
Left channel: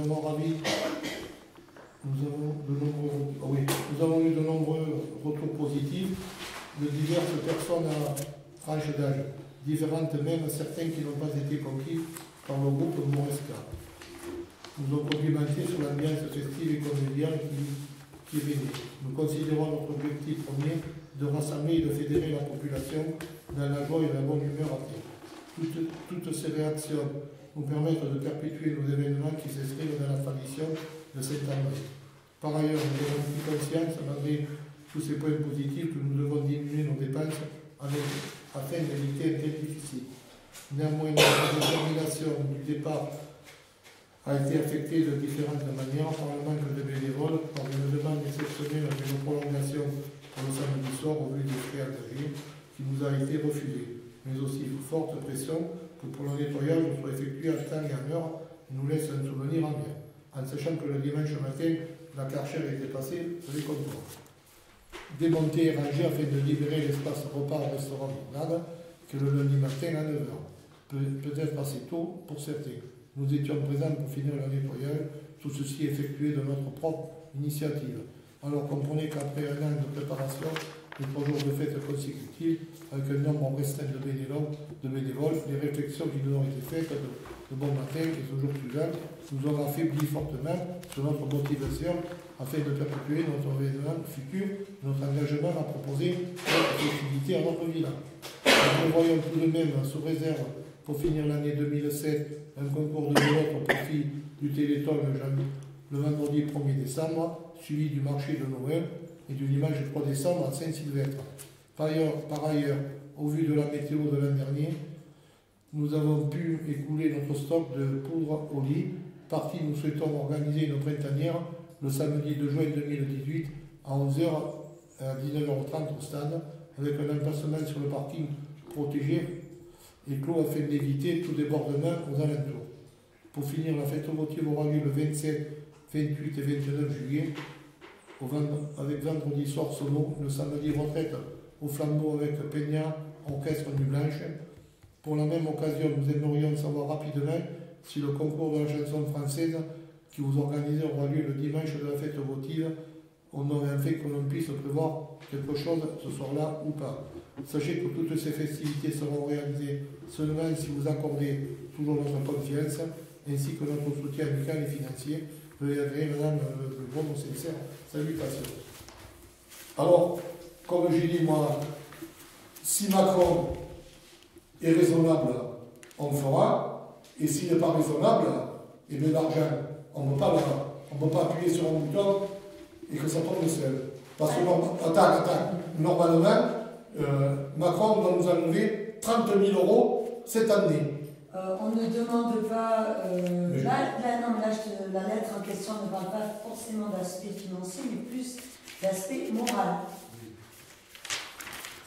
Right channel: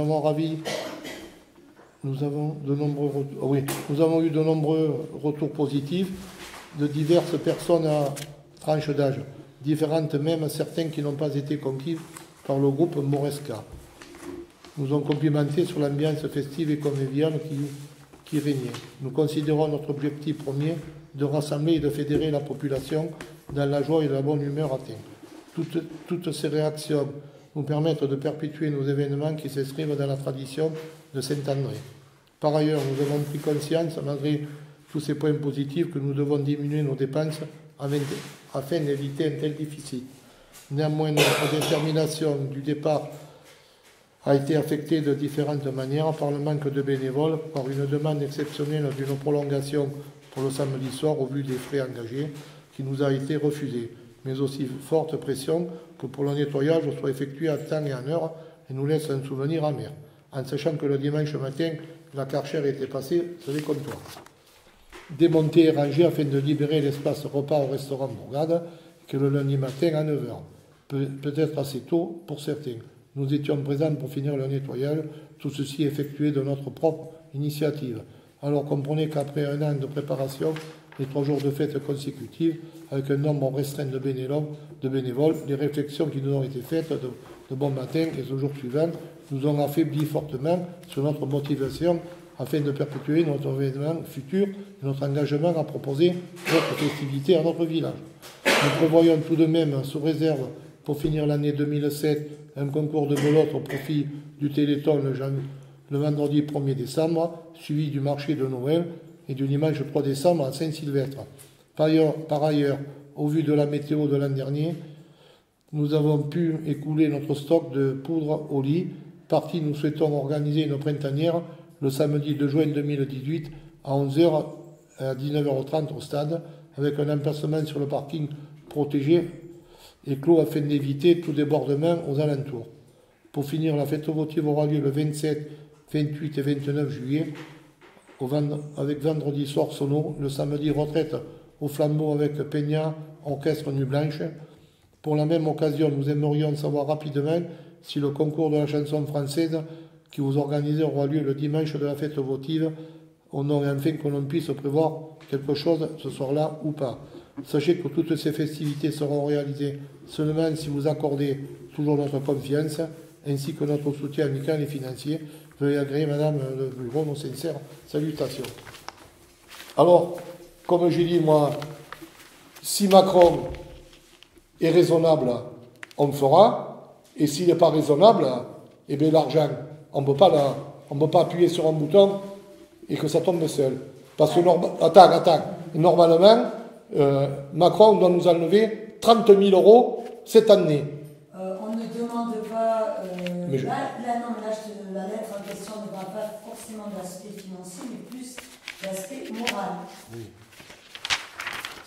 avons eu de nombreux retours positifs de diverses personnes à tranche d'âge, différentes même certains qui n'ont pas été conquis par le groupe Moresca. Nous ont complimenté sur l'ambiance festive et conviviale qui régnait. Nous considérons notre objectif premier de rassembler et de fédérer la population dans la joie et la bonne humeur atteinte. Toutes ces réactions nous permettent de perpétuer nos événements qui s'inscrivent dans la tradition de Saint-André. Par ailleurs, nous avons pris conscience, malgré tous ces points positifs, que nous devons diminuer nos dépenses afin d'éviter un tel déficit. Néanmoins, notre détermination du départ a été affectée de différentes manières par le manque de bénévoles, par une demande exceptionnelle d'une prolongation pour le samedi soir au vu des frais engagés qui nous a été refusée, mais aussi forte pression que pour le nettoyage soit effectué à temps et en heure et nous laisse un souvenir amer, en sachant que le dimanche matin, la Karcher était passée sur les comptoirs. Démonter et ranger afin de libérer l'espace repas au restaurant Bourgade, que le lundi matin à 9h. Peut-être assez tôt pour certains. Nous étions présents pour finir le nettoyage, tout ceci effectué de notre propre initiative. Alors comprenez qu'après un an de préparation et 3 jours de fête consécutives, avec un nombre restreint de bénévoles, les réflexions qui nous ont été faites de bon matin et ce jour suivant nous ont affaibli fortement sur notre motivation afin de perpétuer notre événement futur et notre engagement à proposer d'autres festivités à notre village. Nous prévoyons tout de même, sous réserve, pour finir l'année 2007, un concours de belote au profit du Téléthon le vendredi 1er décembre, suivi du marché de Noël et du dimanche 3 décembre à Saint-Sylvestre. Par ailleurs, au vu de la météo de l'an dernier, nous avons pu écouler notre stock de poudre au lit. Parti, nous souhaitons organiser une printanière le samedi 2 juin 2018 à 11h à 19h30 au stade, avec un emplacement sur le parking protégé et clos afin d'éviter tout débordement aux alentours. Pour finir, la fête votive aura lieu le 27, 28 et 29 juillet, avec vendredi soir sono, le samedi retraite au flambeau avec Peña, orchestre Nuit Blanche. Pour la même occasion, nous aimerions savoir rapidement si le concours de la chanson française qui vous organisez aura lieu le dimanche de la fête votive, on aurait enfin que l'on puisse prévoir quelque chose ce soir-là ou pas. Sachez que toutes ces festivités seront réalisées seulement si vous accordez toujours notre confiance, ainsi que notre soutien amical et financier. Veuillez agréer, Madame le Bureau, nos sincères salutations. Alors, comme j'ai dit, moi, si Macron est raisonnable, on le fera, et s'il n'est pas raisonnable, eh bien l'argent, on ne peut pas appuyer sur un bouton et que ça tombe seul. Parce que, normalement, Macron doit nous enlever 30 000 € cette année. On ne demande pas... la lettre en question ne parle pas forcément de l'aspect financier, mais plus l'aspect moral. Oui.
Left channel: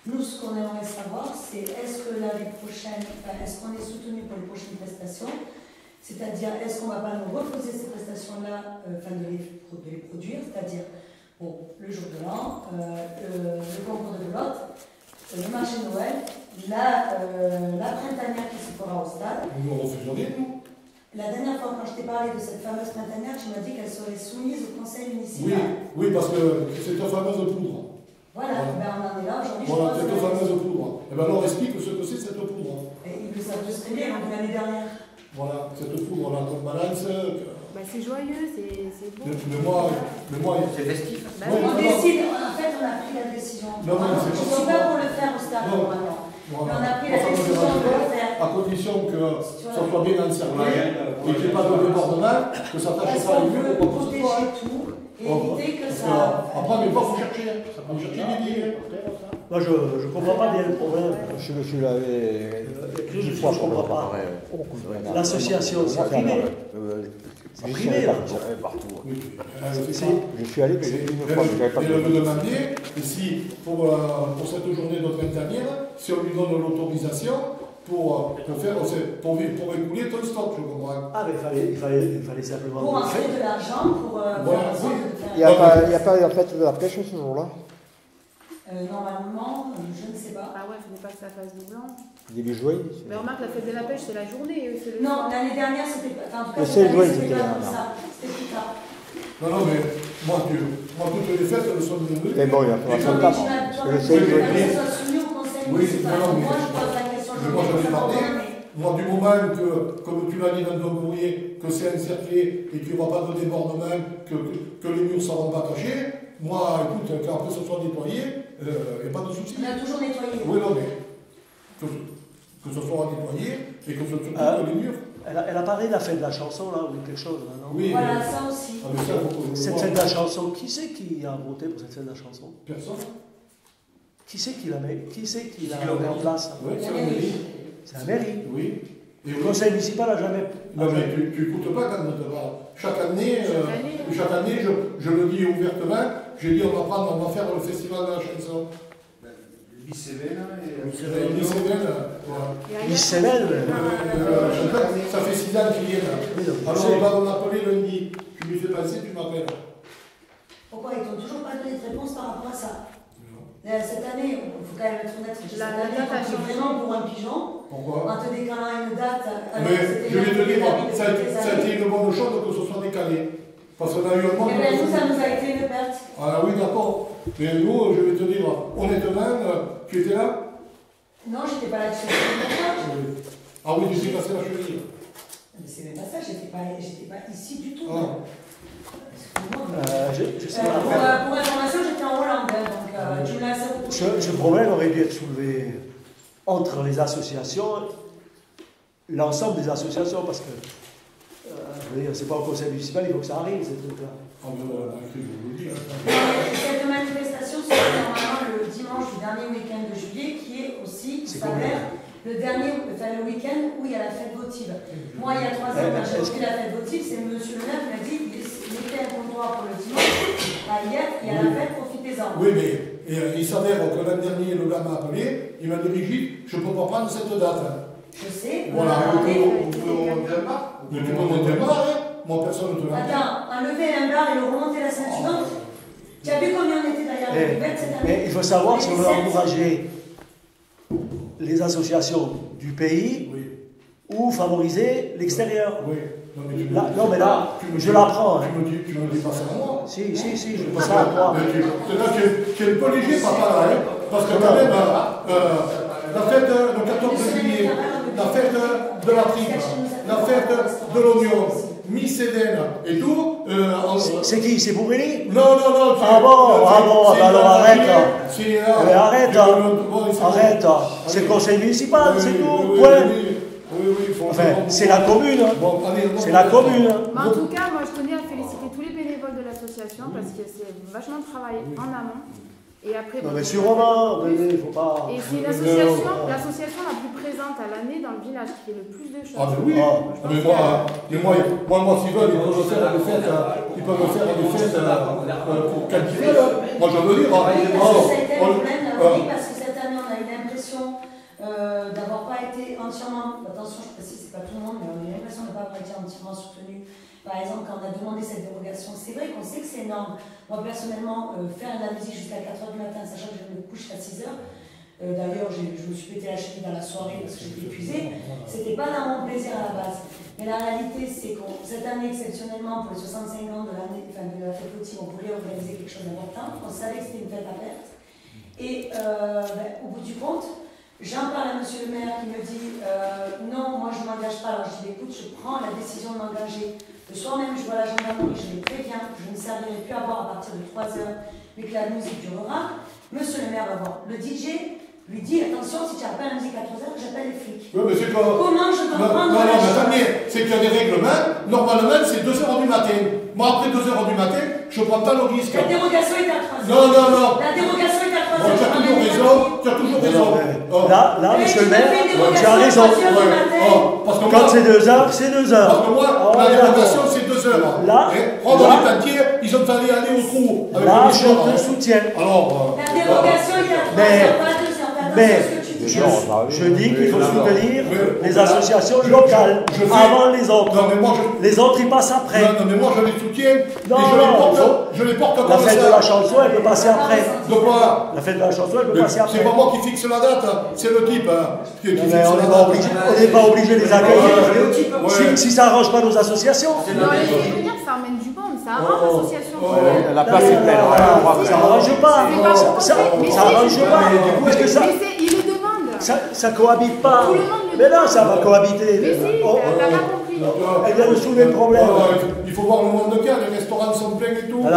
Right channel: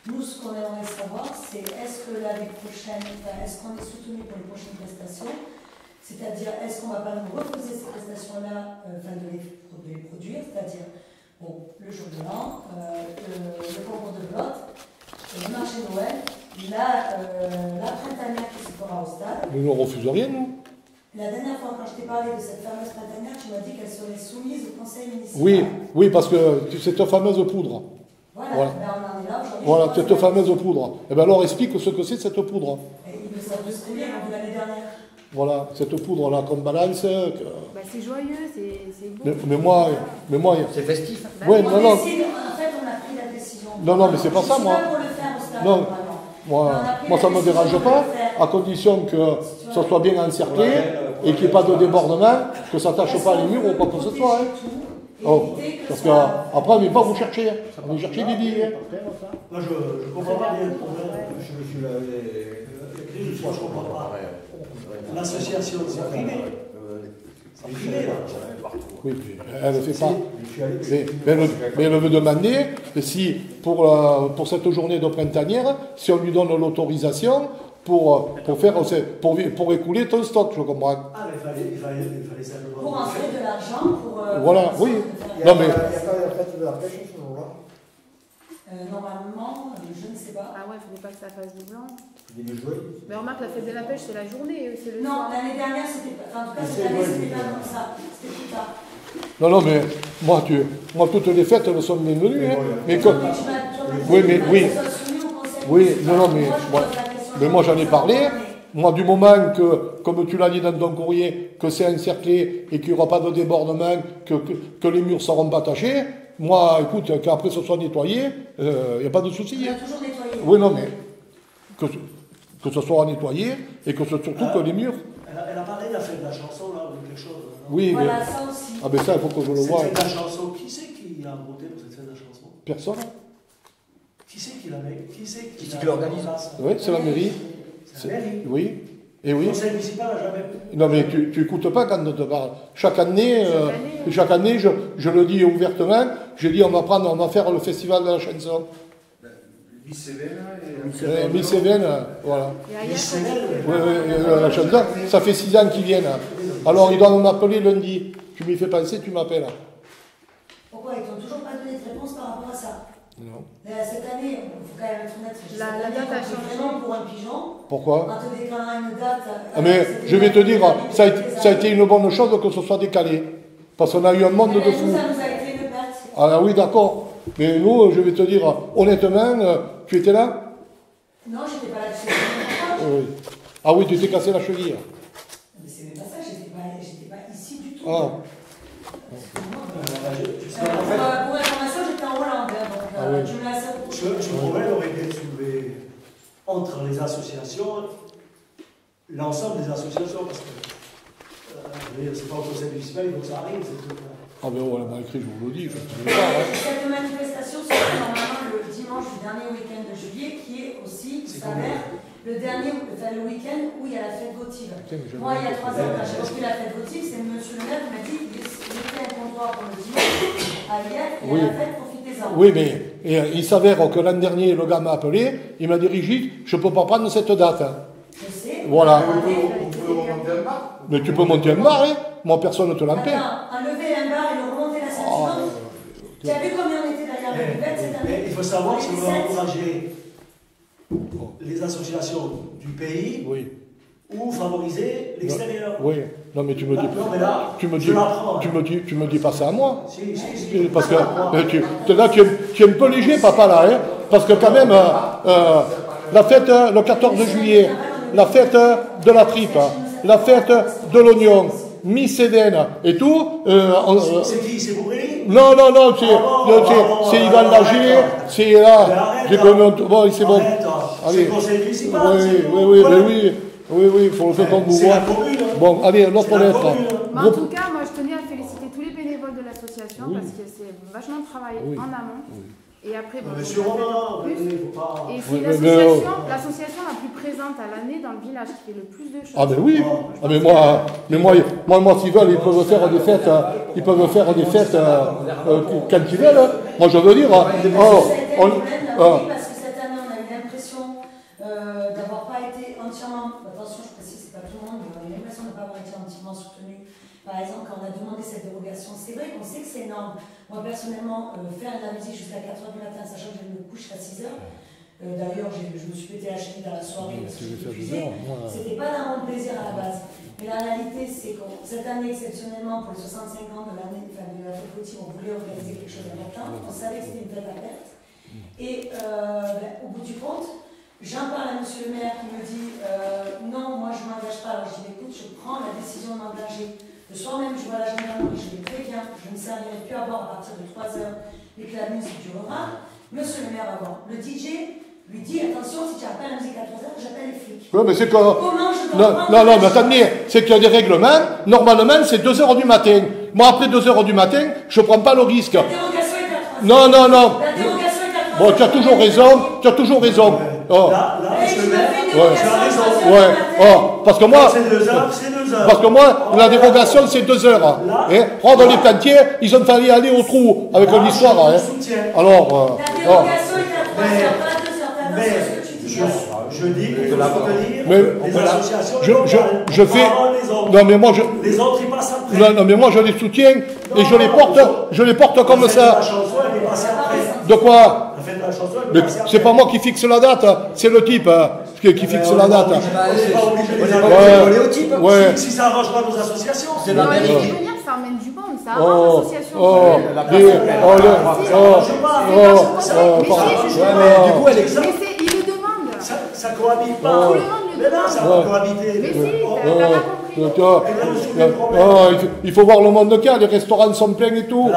Nous, ce qu'on aimerait savoir, c'est est-ce que l'année prochaine, est-ce qu'on est soutenu pour les prochaines prestations? C'est-à-dire, est-ce qu'on ne va pas nous reposer ces prestations-là, de les produire, c'est-à-dire le jour de l'an, le concours de belote, le marché de Noël, la printanière qui se fera au stade. Nous ne refusons rien, nous. La dernière fois, quand je t'ai parlé de cette fameuse printanière, tu m'as dit qu'elle serait soumise au conseil municipal. Oui, parce que c'est cette fameuse poudre. Voilà. Ben, on en est là aujourd'hui. Voilà, cette fameuse poudre. Et bien alors, explique ce que c'est cette poudre. Il peut s'en souvenir l'année dernière. Voilà, cette poudre-là qu'on balance. C'est joyeux, c'est beau. Mais moi, c'est festif. Ouais, En fait, on a pris la décision. Non, mais c'est pas ça, moi. Je suis pas pour le faire au stade. Non. Moi, ça ne me dérange pas, à condition que ça soit bien encerclé et qu'il n'y ait pas de débordement, que ça ne tâche pas les murs ou pas que ce soit. Hein. Oh, parce qu'après, on ne va pas vous chercher. Vous cherchez des billes. Moi, je comprends pas bien le problème. Je me suis lavé 10 fois pour le préparer. L'association, c'est privé. Oui, elle ne fait pas. Je suis allé, Mais elle veut demander si, pour cette journée de printanière, si on lui donne l'autorisation pour écouler ton stock, je comprends. Ah, mais il fallait simplement. Pour en faire de l'argent, pour. Voilà, oui. Il n'y a pas en fait de la pêche ce jour-là. Normalement, je ne sais pas. Ah ouais, il ne faudrait pas que ça fasse doublon. Il est joué. Mais remarque, la fête de la pêche, c'est la journée, c'est le Non, soir. l'année dernière, c'était pas. En tout cas, Mais cette c'est année, vrai, c'était pas c'était comme ça. C'était plus tard. Non, mais moi, toutes les fêtes, elles sont bienvenues. Mais bon, il y a mais pas- comme- Oui, mais oui. Oui, non, mais moi j'en ai parlé. Moi, du moment que, comme tu l'as dit dans ton courrier, que c'est encerclé et qu'il n'y aura pas de débordement, que les murs ne seront pas tachés, moi, écoute, qu'après ce soit nettoyé, il n'y a pas de souci. On a toujours nettoyé. Oui, non, mais que ce soit nettoyé et que surtout que les murs. Elle a parlé de la fête de la chanson, là, ou quelque chose. Non Oui, Voilà, mais. ça aussi. Ah, ben ça, il faut que je le Cette voie. fête de la chanson, qui c'est qui a voté pour cette fête de la chanson? Personne. Qui c'est qui l'a mis? Qui c'est qui Qui l'a l'organise? organisé? Oui, c'est la mairie. C'est la mairie. Oui. Et Le oui. conseil municipal n'a jamais. Non, mais tu n'écoutes pas quand on te parle. Chaque année, je le dis ouvertement, je dis on va faire le festival de la chanson. Miss Cévennes et... Miss Cévennes, voilà. Et ailleurs, Mais c'est elle, La chanson, ça fait 6 ans qu'ils viennent. Alors ils doivent m'appeler lundi. Tu m'y fais penser, tu m'appelles. Pourquoi ils t'ont toujours pas donné de réponse par rapport à ça? Non. Cette année, il faut quand même être honnête. La date a changé. Vraiment pour un pigeon. Pourquoi? En te décalant une date. Mais je vais te dire, ça a été une bonne chose que ce soit décalé. Parce qu'on a eu un monde de fous. Ça nous a été une perte. Ah oui, d'accord. Mais nous, je vais te dire, honnêtement, tu étais là? Non, j'étais pas là-dessus. Oui. Ah oui, tu t'es cassé la cheville. Mais c'est même pas ça, j'étais pas ici du tout. Ah. Pour information, j'étais en Hollande. Donc, tu me laisses à Ce problème aurait bien soulevé entre les associations, l'ensemble des associations, parce que c'est pas au conseil municipal, il faut que ça arrive, ces trucs-là. Ah ben voilà, mal écrit, je vous le dis. Cette manifestation se fait normalement le dimanche du dernier week-end de juillet, qui est aussi, il s'avère, le week-end où il y a la fête votive. Moi, il y a 3 ans, quand j'ai repris la fête votive, c'est monsieur le maire qui m'a dit qu'il était un comptoir pour le dimanche, à hier, et à la fête, profitez-en. Oui, mais il s'avère que l'an dernier, le gars m'a appelé, il m'a dit, Brigitte, je ne peux pas prendre cette date. Je sais. Voilà. On peut monter un bar. Mais tu peux monter un bar, hein. Moi, personne ne te l'empêche. Attends, enlever un bar et le remonter la ceinture. Tu as vu combien on était derrière la buvette cette année? Mais il faut savoir si on veut On était 7. encourager les associations du pays Oui. ou favoriser l'extérieur. Oui. Non, mais tu me Là, dis, non, mais là, tu me je dis, l'apprends. tu me dis pas ça à moi. Si. Parce que là, tu es un peu léger, papa, là, hein. Parce que quand même, la fête, le 14 juillet, la fête de la tripe, la fête de l'oignon, Miss Cévennes et tout. C'est qui? C'est Bourré? Non, c'est Yvan Lagier, c'est là. Bon, c'est bon. C'est le conseil municipal. Oui, il faut le faire comme C'est la commune. Bon, allez, l'autre C'est la lettre. commune. Mais en tout cas, moi, je tenais à féliciter tous les bénévoles de l'association parce que c'est vachement de travail en amont. Et après, bon, Mais on sûrement, en fait plus. il faut pas. Et Oui, c'est mais l'association la plus présente à l'année dans le village qui fait le plus de choses. Ah ben oui, ah, mais moi s'ils veulent, ils peuvent faire des fêtes, quand ils veulent. Moi je veux dire, Oui, parce que cette année, on a eu l'impression d'avoir pas été entièrement, attention, je précise, c'est pas tout le monde, mais on a eu l'impression de ne pas avoir été entièrement soutenu. Par exemple, quand on a demandé cette dérogation, c'est vrai qu'on sait que c'est énorme. Moi, personnellement, faire de la musique jusqu'à 4h du matin, sachant que je me couche à 6h, d'ailleurs, je me suis pété la cheville dans la soirée parce que j'étais épuisée, c'était pas dans mon plaisir à la base. Mais la réalité, c'est que cette année, exceptionnellement, pour les 65 ans de l'année, enfin, de la fête Gauthier, on voulait organiser quelque chose d'important. On savait que c'était une fête à perte. Et au bout du compte, j'en parle à monsieur le maire qui me dit non, moi je ne m'engage pas. Alors je dis écoute, je prends la décision de m'engager. Le soir même, je vois la gendarmerie, je les préviens, je ne servirai plus à boire à partir de 3 heures, mais que la musique durera. Monsieur le maire va voir. Le DJ lui dit attention, si tu n'as pas la musique à 3 heures, j'appelle les flics. Ouais, mais c'est Comment je Non, mais attendez, c'est qu'il y a des règlements. Normalement, c'est 2 heures du matin. Moi, après 2 heures du matin, je ne prends pas le risque. La dérogation est à 3 Non. La dérogation est à 3 Bon, tu as toujours raison. Oh. Là, je me fais une dérogation à 3 heures du matin. Parce que moi, c'est 2 heures, c'est 2 heures. Parce que moi, la dérogation, c'est 2 heures. Dans les plantiers, ils ont fallu aller au trou avec une histoire. Je soutiens. Alors. La dérogation est à 3 heures, pas 2 heures. T'as attention à ce que tu dis. Je dis qu'il faut soutenir les associations locales. Je fais. Avant les autres. Non, mais moi, Les autres, ils passent après. Non, mais moi, je les soutiens et je les porte comme La fête de ça. la chanson, elle est passée après. De quoi? La fête de la chanson, elle Mais est passée après. c'est pas moi qui fixe la date, c'est le type qui fixe la date. On n'est pas obligé de les aller. Ouais. Si ça arrange pas nos associations. Non, les fait venir, ça emmène du monde, ça arrange l'association. La place est pleine. Mais il le demande. Ça cohabite pas. Tout le monde le Mais non, demande. ça va cohabiter. Mais si, t'as pas compris. Il faut voir le monde qu'il y a, les restaurants sont pleins et tout.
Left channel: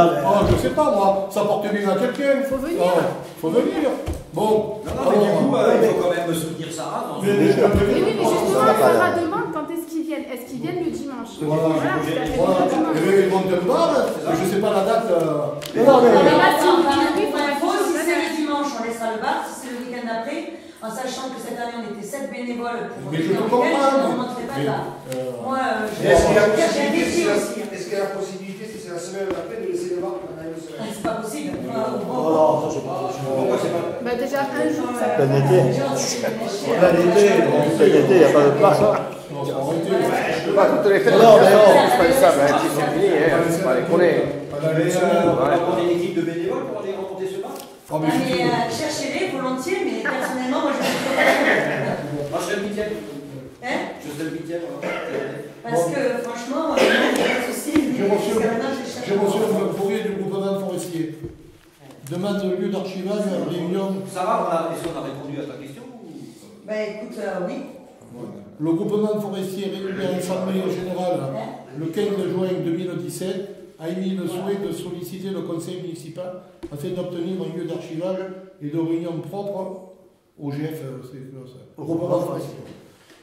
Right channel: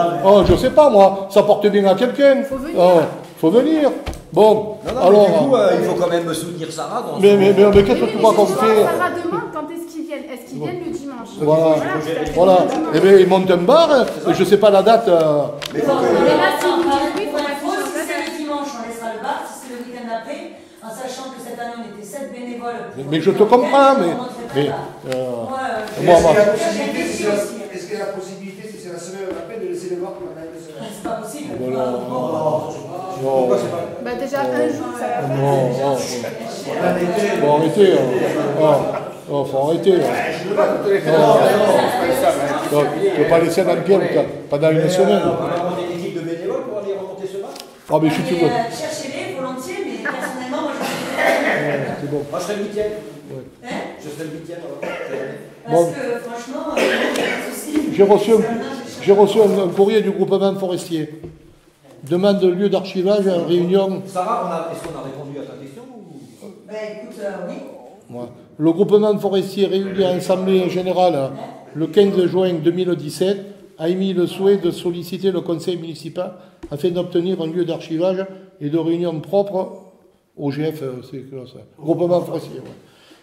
Je sais pas moi, ça porte bien à quelqu'un. Faut venir. Faut venir. Bon, alors. Du coup, il faut quand même soutenir Sarah. Mais qu'est-ce que Oui, tu mais crois qu'on justement, fait? Sarah demande quand est-ce qu'ils viennent. Est-ce qu'ils viennent le dimanche? Voilà. Le dimanche. Eh bien, ils montent un bar, je sais pas la date. Mais là, si vous dites oui, il faut Si afficher c'est la le date. dimanche, on laissera le bar. Si c'est le week-end d'après, en sachant que cette année, on était 7 bénévoles. Mais je te comprends, mais. Est-ce qu'il y a la possibilité, si c'est la semaine d'après, de laisser les voir quand même une semaine? C'est pas possible. Bah, déjà, un jour, ça va faire. Faut arrêter. Pas toutes les fêtes, c'est indispensable. Faut pas laisser dans le game, pas dans une semaine. On va demander une équipe de bénévoles pour aller remonter ce bar. Ah, mais si tu veux. Cherchez-les volontiers, mais personnellement, moi, je ne peux pas. Moi, je serai le week-end. Hein? Je serai le week-end. Parce que franchement, il y a pas de souci. J'ai reçu un courrier du groupement forestier. Demande de lieu d'archivage, réunion. Sarah, est-ce qu'on a répondu à ta question ou... Ben écoute, oui. Ouais. Le groupement forestier réuni à l'Assemblée générale le 15 juin 2017 a émis le souhait de solliciter le conseil municipal afin d'obtenir un lieu d'archivage et de réunion propre au GF, c'est quoi ça? Groupement forestier.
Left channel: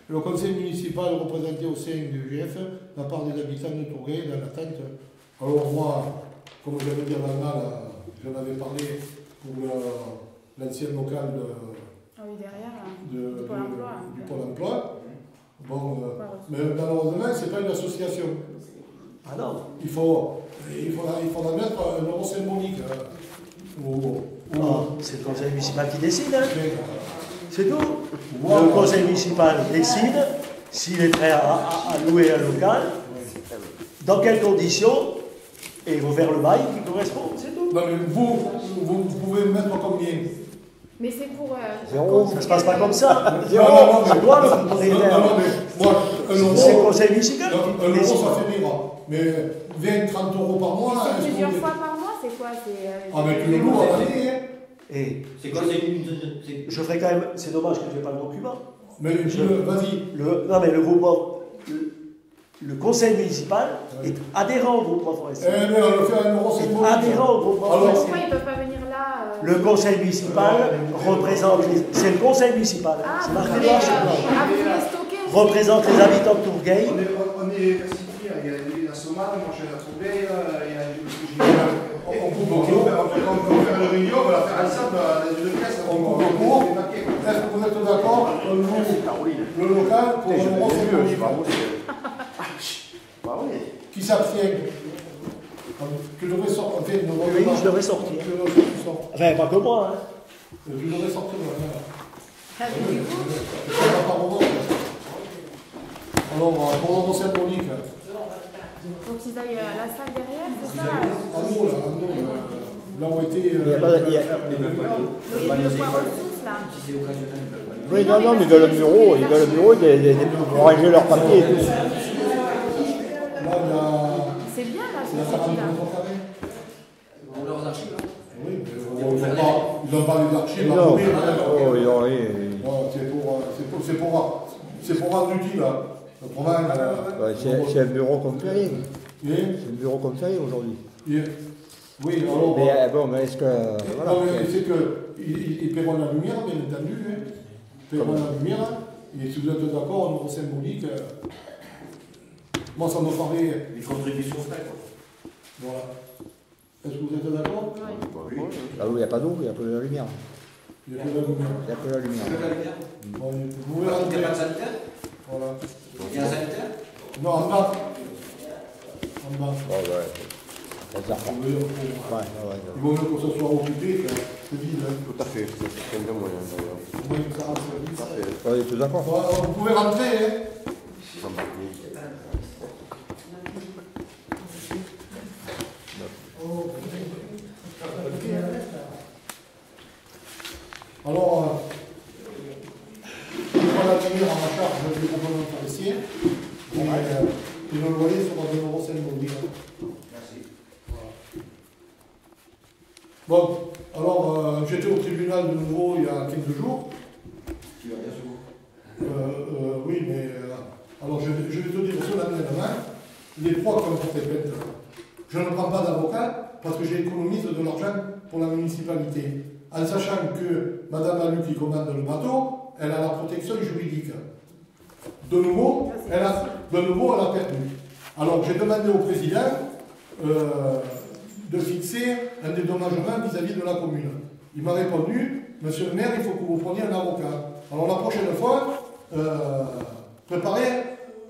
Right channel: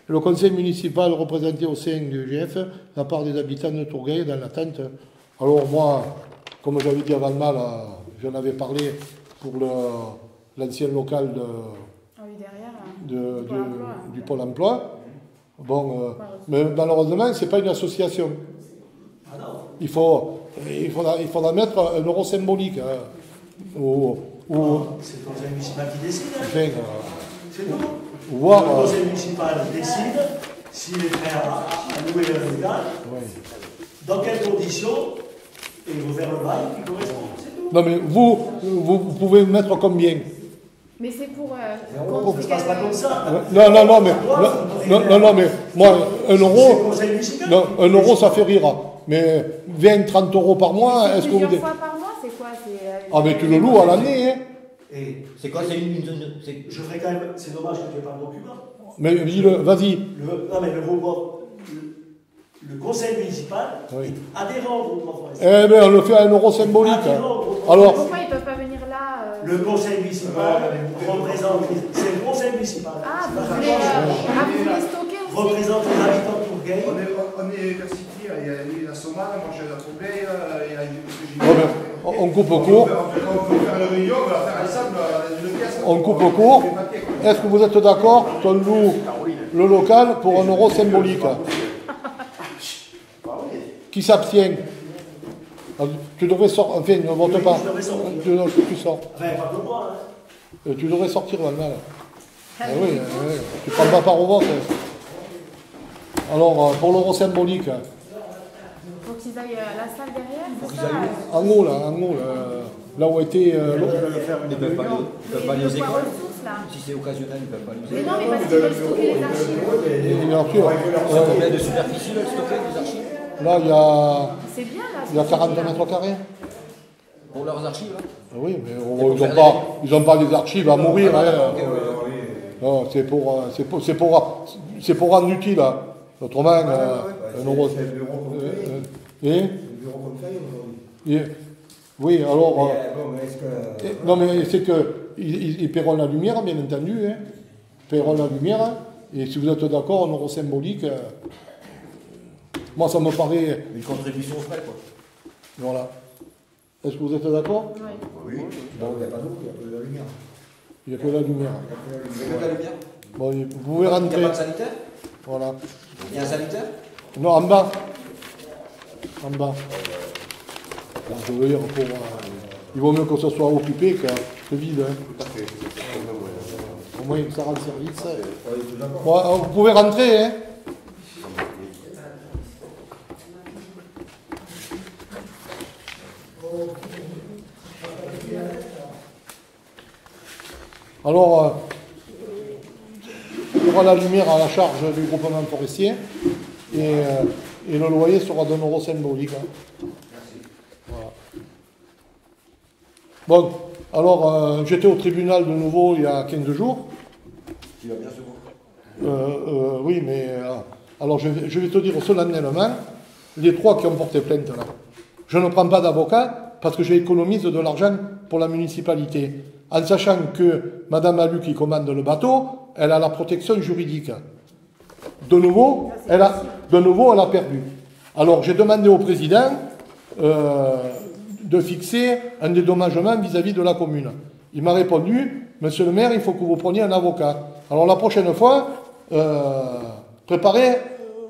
Le conseil municipal représenté au sein du GF, la part des habitants de Tourgueil dans l'attente. Alors moi, comme j'avais dit avant le mal, j'en avais parlé pour l'ancien local du Pôle emploi. Bon, mais malheureusement, ce n'est pas une association. Il faudra mettre un euro symbolique. C'est le conseil municipal qui décide. C'est tout. Wow. Le conseil municipal décide s'il est prêt à louer le local, dans quelles conditions, et il faut faire le bail qui correspond. C'est tout. Non mais vous pouvez mettre combien? Mais c'est pour. Zéro, ça se passe pas comme ça. Non, mais moi, un euro, ça fait rire. Mais 20, 30 euros par mois, est-ce que vous... Plusieurs fois par mois, c'est quoi? Ah mais tu le loues à l'année, hein. Et c'est quoi? je ferai quand même, c'est dommage que je n'ai pas le document. Mais dis-le, vas-y. Non mais le conseil municipal est adhérent au groupement forestier. Eh bien, on le fait à un euro symbolique. Alors, pourquoi ils ne peuvent pas venir là Le conseil municipal représente, c'est le conseil municipal. Ah, vous voulez stocker aussi? Représente les habitants de Tourgueil. On est constitué, il y a la Somale, moi je la Tourgueil, il y a du... On coupe au cours. On peut faire une réunion, on va la faire ensemble dans une pièce. On coupe au cours. Est-ce que vous êtes d'accord qu'on loue le local pour un euro symbolique? Qui s'abstient? Tu devrais sortir, enfin, ne vote pas. Je devrais sortir. Tu sors. Enfin, pas que moi. Tu devrais sortir là. Oui, tu prends pas part au vote. Alors, pour l'euro symbolique. Faut qu'ils aillent à la salle derrière, c'est ça? En haut, là où était. Le poids ressources, là. Si c'est occasionnel, oui, non, mais dans le bureau, ils vont ranger leur papier. Là, il y a. C'est bien, là. Il y a 40 mètres carrés. Pour leurs archives. Oui, mais ils n'ont pas des archives à mourir. C'est pour rendre utile. Autrement, c'est un bureau comme ça. C'est un bureau comme ça aujourd'hui. Oui, alors. Mais est-ce que. Non, mais c'est qu'ils paieront la lumière, bien entendu. Ils paieront la lumière. Et si vous êtes d'accord, un euro symbolique, moi ça me paraît... Une contribution près, quoi. Voilà. Est-ce que vous êtes d'accord? Oui. Là où il n'y a pas d'eau, il n'y a pas de lumière. Il n'y a que la lumière. Il n'y a que la lumière. C'est quoi la lumière? Bon, vous pouvez Il n'y a rentrer. pas de sanitaire? Voilà. Il y a un sanitaire? Non, en bas. En bas. Ouais, ouais. Vous voyez, il vaut mieux que ce soit occupé que vide. Hein. Tout à fait, c'est un peu moyen d'ailleurs. Au moins que ça rende service. Ouais, tout d'accord. Bon, vous pouvez rentrer, hein. Alors, il y aura la lumière à la charge du groupement forestier et le loyer sera d'un euro symbolique. Hein. Merci. Voilà. Bon, alors j'étais au tribunal de nouveau il y a 15 jours. Qui va bien se voir. Oui, mais alors je vais te dire solennellement, les 3 qui ont porté plainte là, je ne prends pas d'avocat parce que j'économise de l'argent pour la municipalité, en sachant que Madame Alu qui commande le bateau, elle a la protection juridique. De nouveau, elle a perdu. Alors j'ai demandé au président de fixer un dédommagement vis-à-vis de la commune. Il m'a répondu, monsieur le maire, il faut que vous preniez un avocat. Alors la prochaine fois, préparez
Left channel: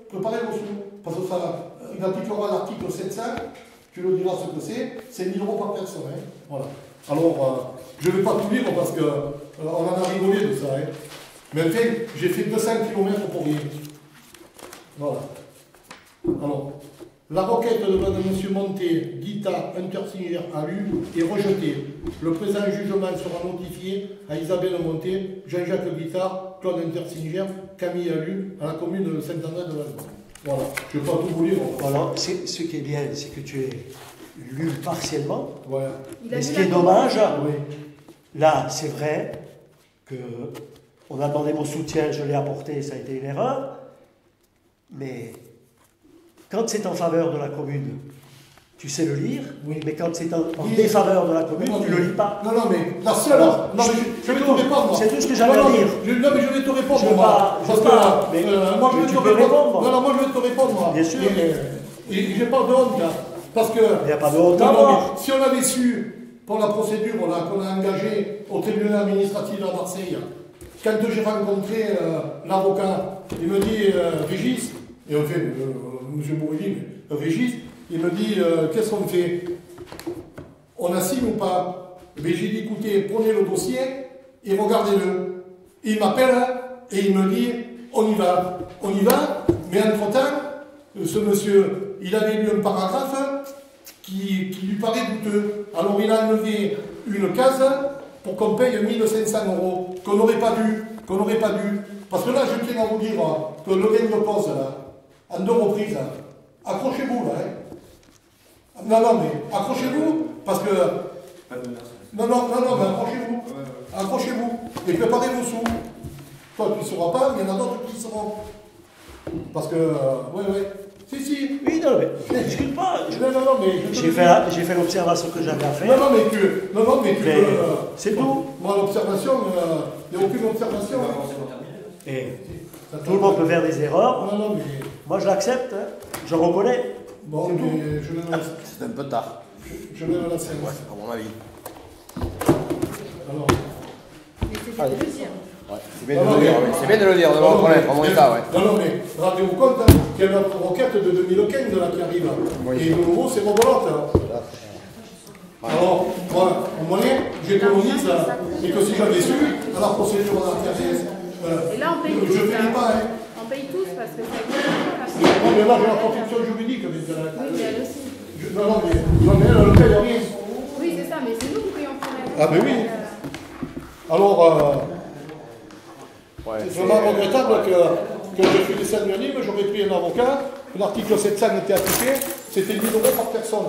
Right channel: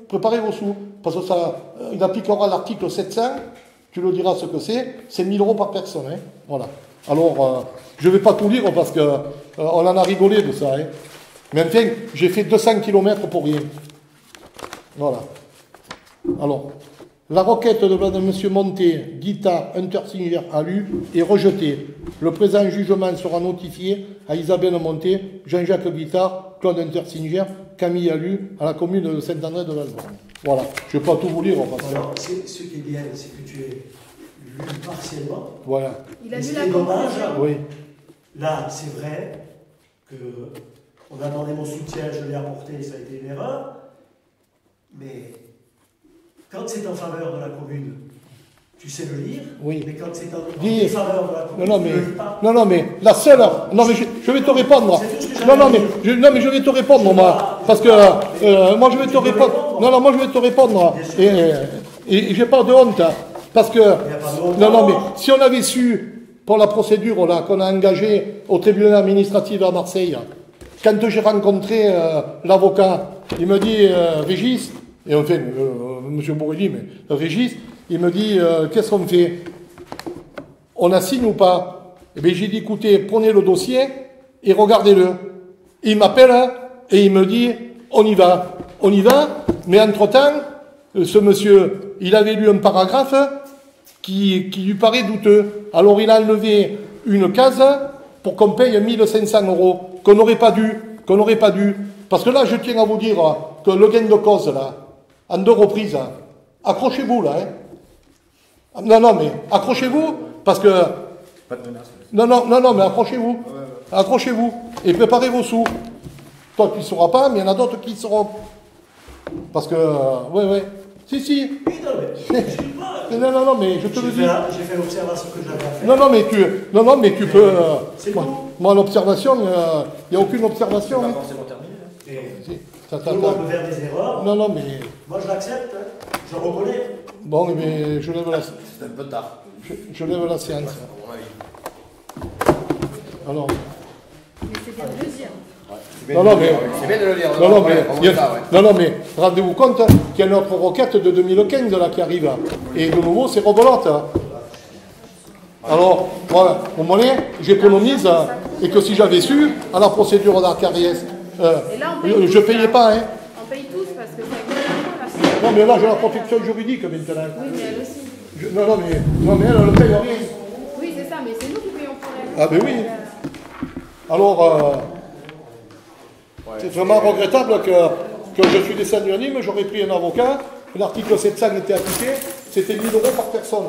vos sous, parce que ça, il appliquera l'article 700, tu le diras ce que c'est 1000 euros par personne. Hein. Voilà. Alors, je ne vais pas tout lire parce qu'on en a rigolé de ça. Hein. Mais enfin, j'ai fait 200 km pour rien. Voilà. Alors, la requête de Mme Monté, Guita, Untersinger, Alu est rejetée. Le présent jugement sera notifié à Isabelle Monté, Jean-Jacques Guittard, Claude Untersinger, Camille Alu, à la commune de Saint-André de Valbonne. Voilà. Je ne vais pas tout vous lire. Alors, ce qui est bien, c'est que tu es lu partiellement. Voilà. Il a Mais vu ce la qui est dommage, Oui. là, c'est vrai qu'on attendait mon soutien, je l'ai apporté, ça a été une erreur. Mais quand c'est en faveur de la commune, tu sais le lire. Oui. Mais quand c'est en Dis- défaveur de la commune, Non, tu ne le lis pas. non, mais la seule. Non, mais je vais te répondre, moi. C'est tout ce que Non, j'avais mais je vais te répondre, moi. Parce que moi, je vais te répondre. Non, moi, je vais te répondre, moi. Bien sûr. Et j'ai pas de honte. Hein, parce que. Il n'y a pas de honte. Non, mais si on avait su, pour la procédure là, qu'on a engagée au tribunal administratif à Marseille, quand j'ai rencontré l'avocat, il me dit, Régis, et enfin, M. Bourrelli, mais Régis, il me dit, qu'est-ce qu'on fait? On assigne ou pas? Eh bien, j'ai dit, écoutez, prenez le dossier et regardez-le. Il m'appelle et il me dit, on y va. On y va, mais entre-temps, ce monsieur, il avait lu un paragraphe qui lui paraît douteux. Alors, il a enlevé une case pour qu'on paye 1500 euros, qu'on n'aurait pas dû. Parce que là, je tiens à vous dire que le gain de cause, là, en 2 reprises, accrochez-vous, là, hein. Non, mais accrochez-vous, parce que... Pas de menace. Non, mais accrochez-vous. Accrochez-vous. Et préparez vos sous. Toi, tu ne sauras pas, mais il y en a d'autres qui sauront. Parce que... oui. Si. Oui, non, mais je ne pas. Non, mais je te le dis. J'ai fait l'observation que j'avais à faire. Non, mais tu peux... C'est tout. Moi, l'observation, il n'y a aucune observation. On va avancer en terminale. Et Ça tout le monde peut faire des erreurs. Non, mais... Moi, j'accepte, hein. Je reconnais. Bon, mais je lève la, C'est un peu tard, je lève la séance. à mon avis. Alors... Mais c'est bien de le dire. Ouais, c'est bien, de le dire, oui. C'est bien de le dire, Non, mais rendez-vous compte qu'il y a notre requête de 2015 là, qui arrive. Et de nouveau, c'est rebelote. Alors, voilà, au monnaie, j'économise et que si j'avais su, à la procédure d'Arcariès, Et là, on paye tous, je ne payais là. pas. Hein. On paye tous parce que ça coûte là. Non, mais là, j'ai la protection juridique maintenant. Oui, mais elle aussi. Non, mais elle ne paye rien. Oui, c'est ça, mais c'est nous qui payons pour elle. Ah, ben oui. Alors, c'est vraiment regrettable que je suis descendu à Nîmes, j'aurais pris un avocat, l'article 700 était appliqué, c'était 1000 euros par personne.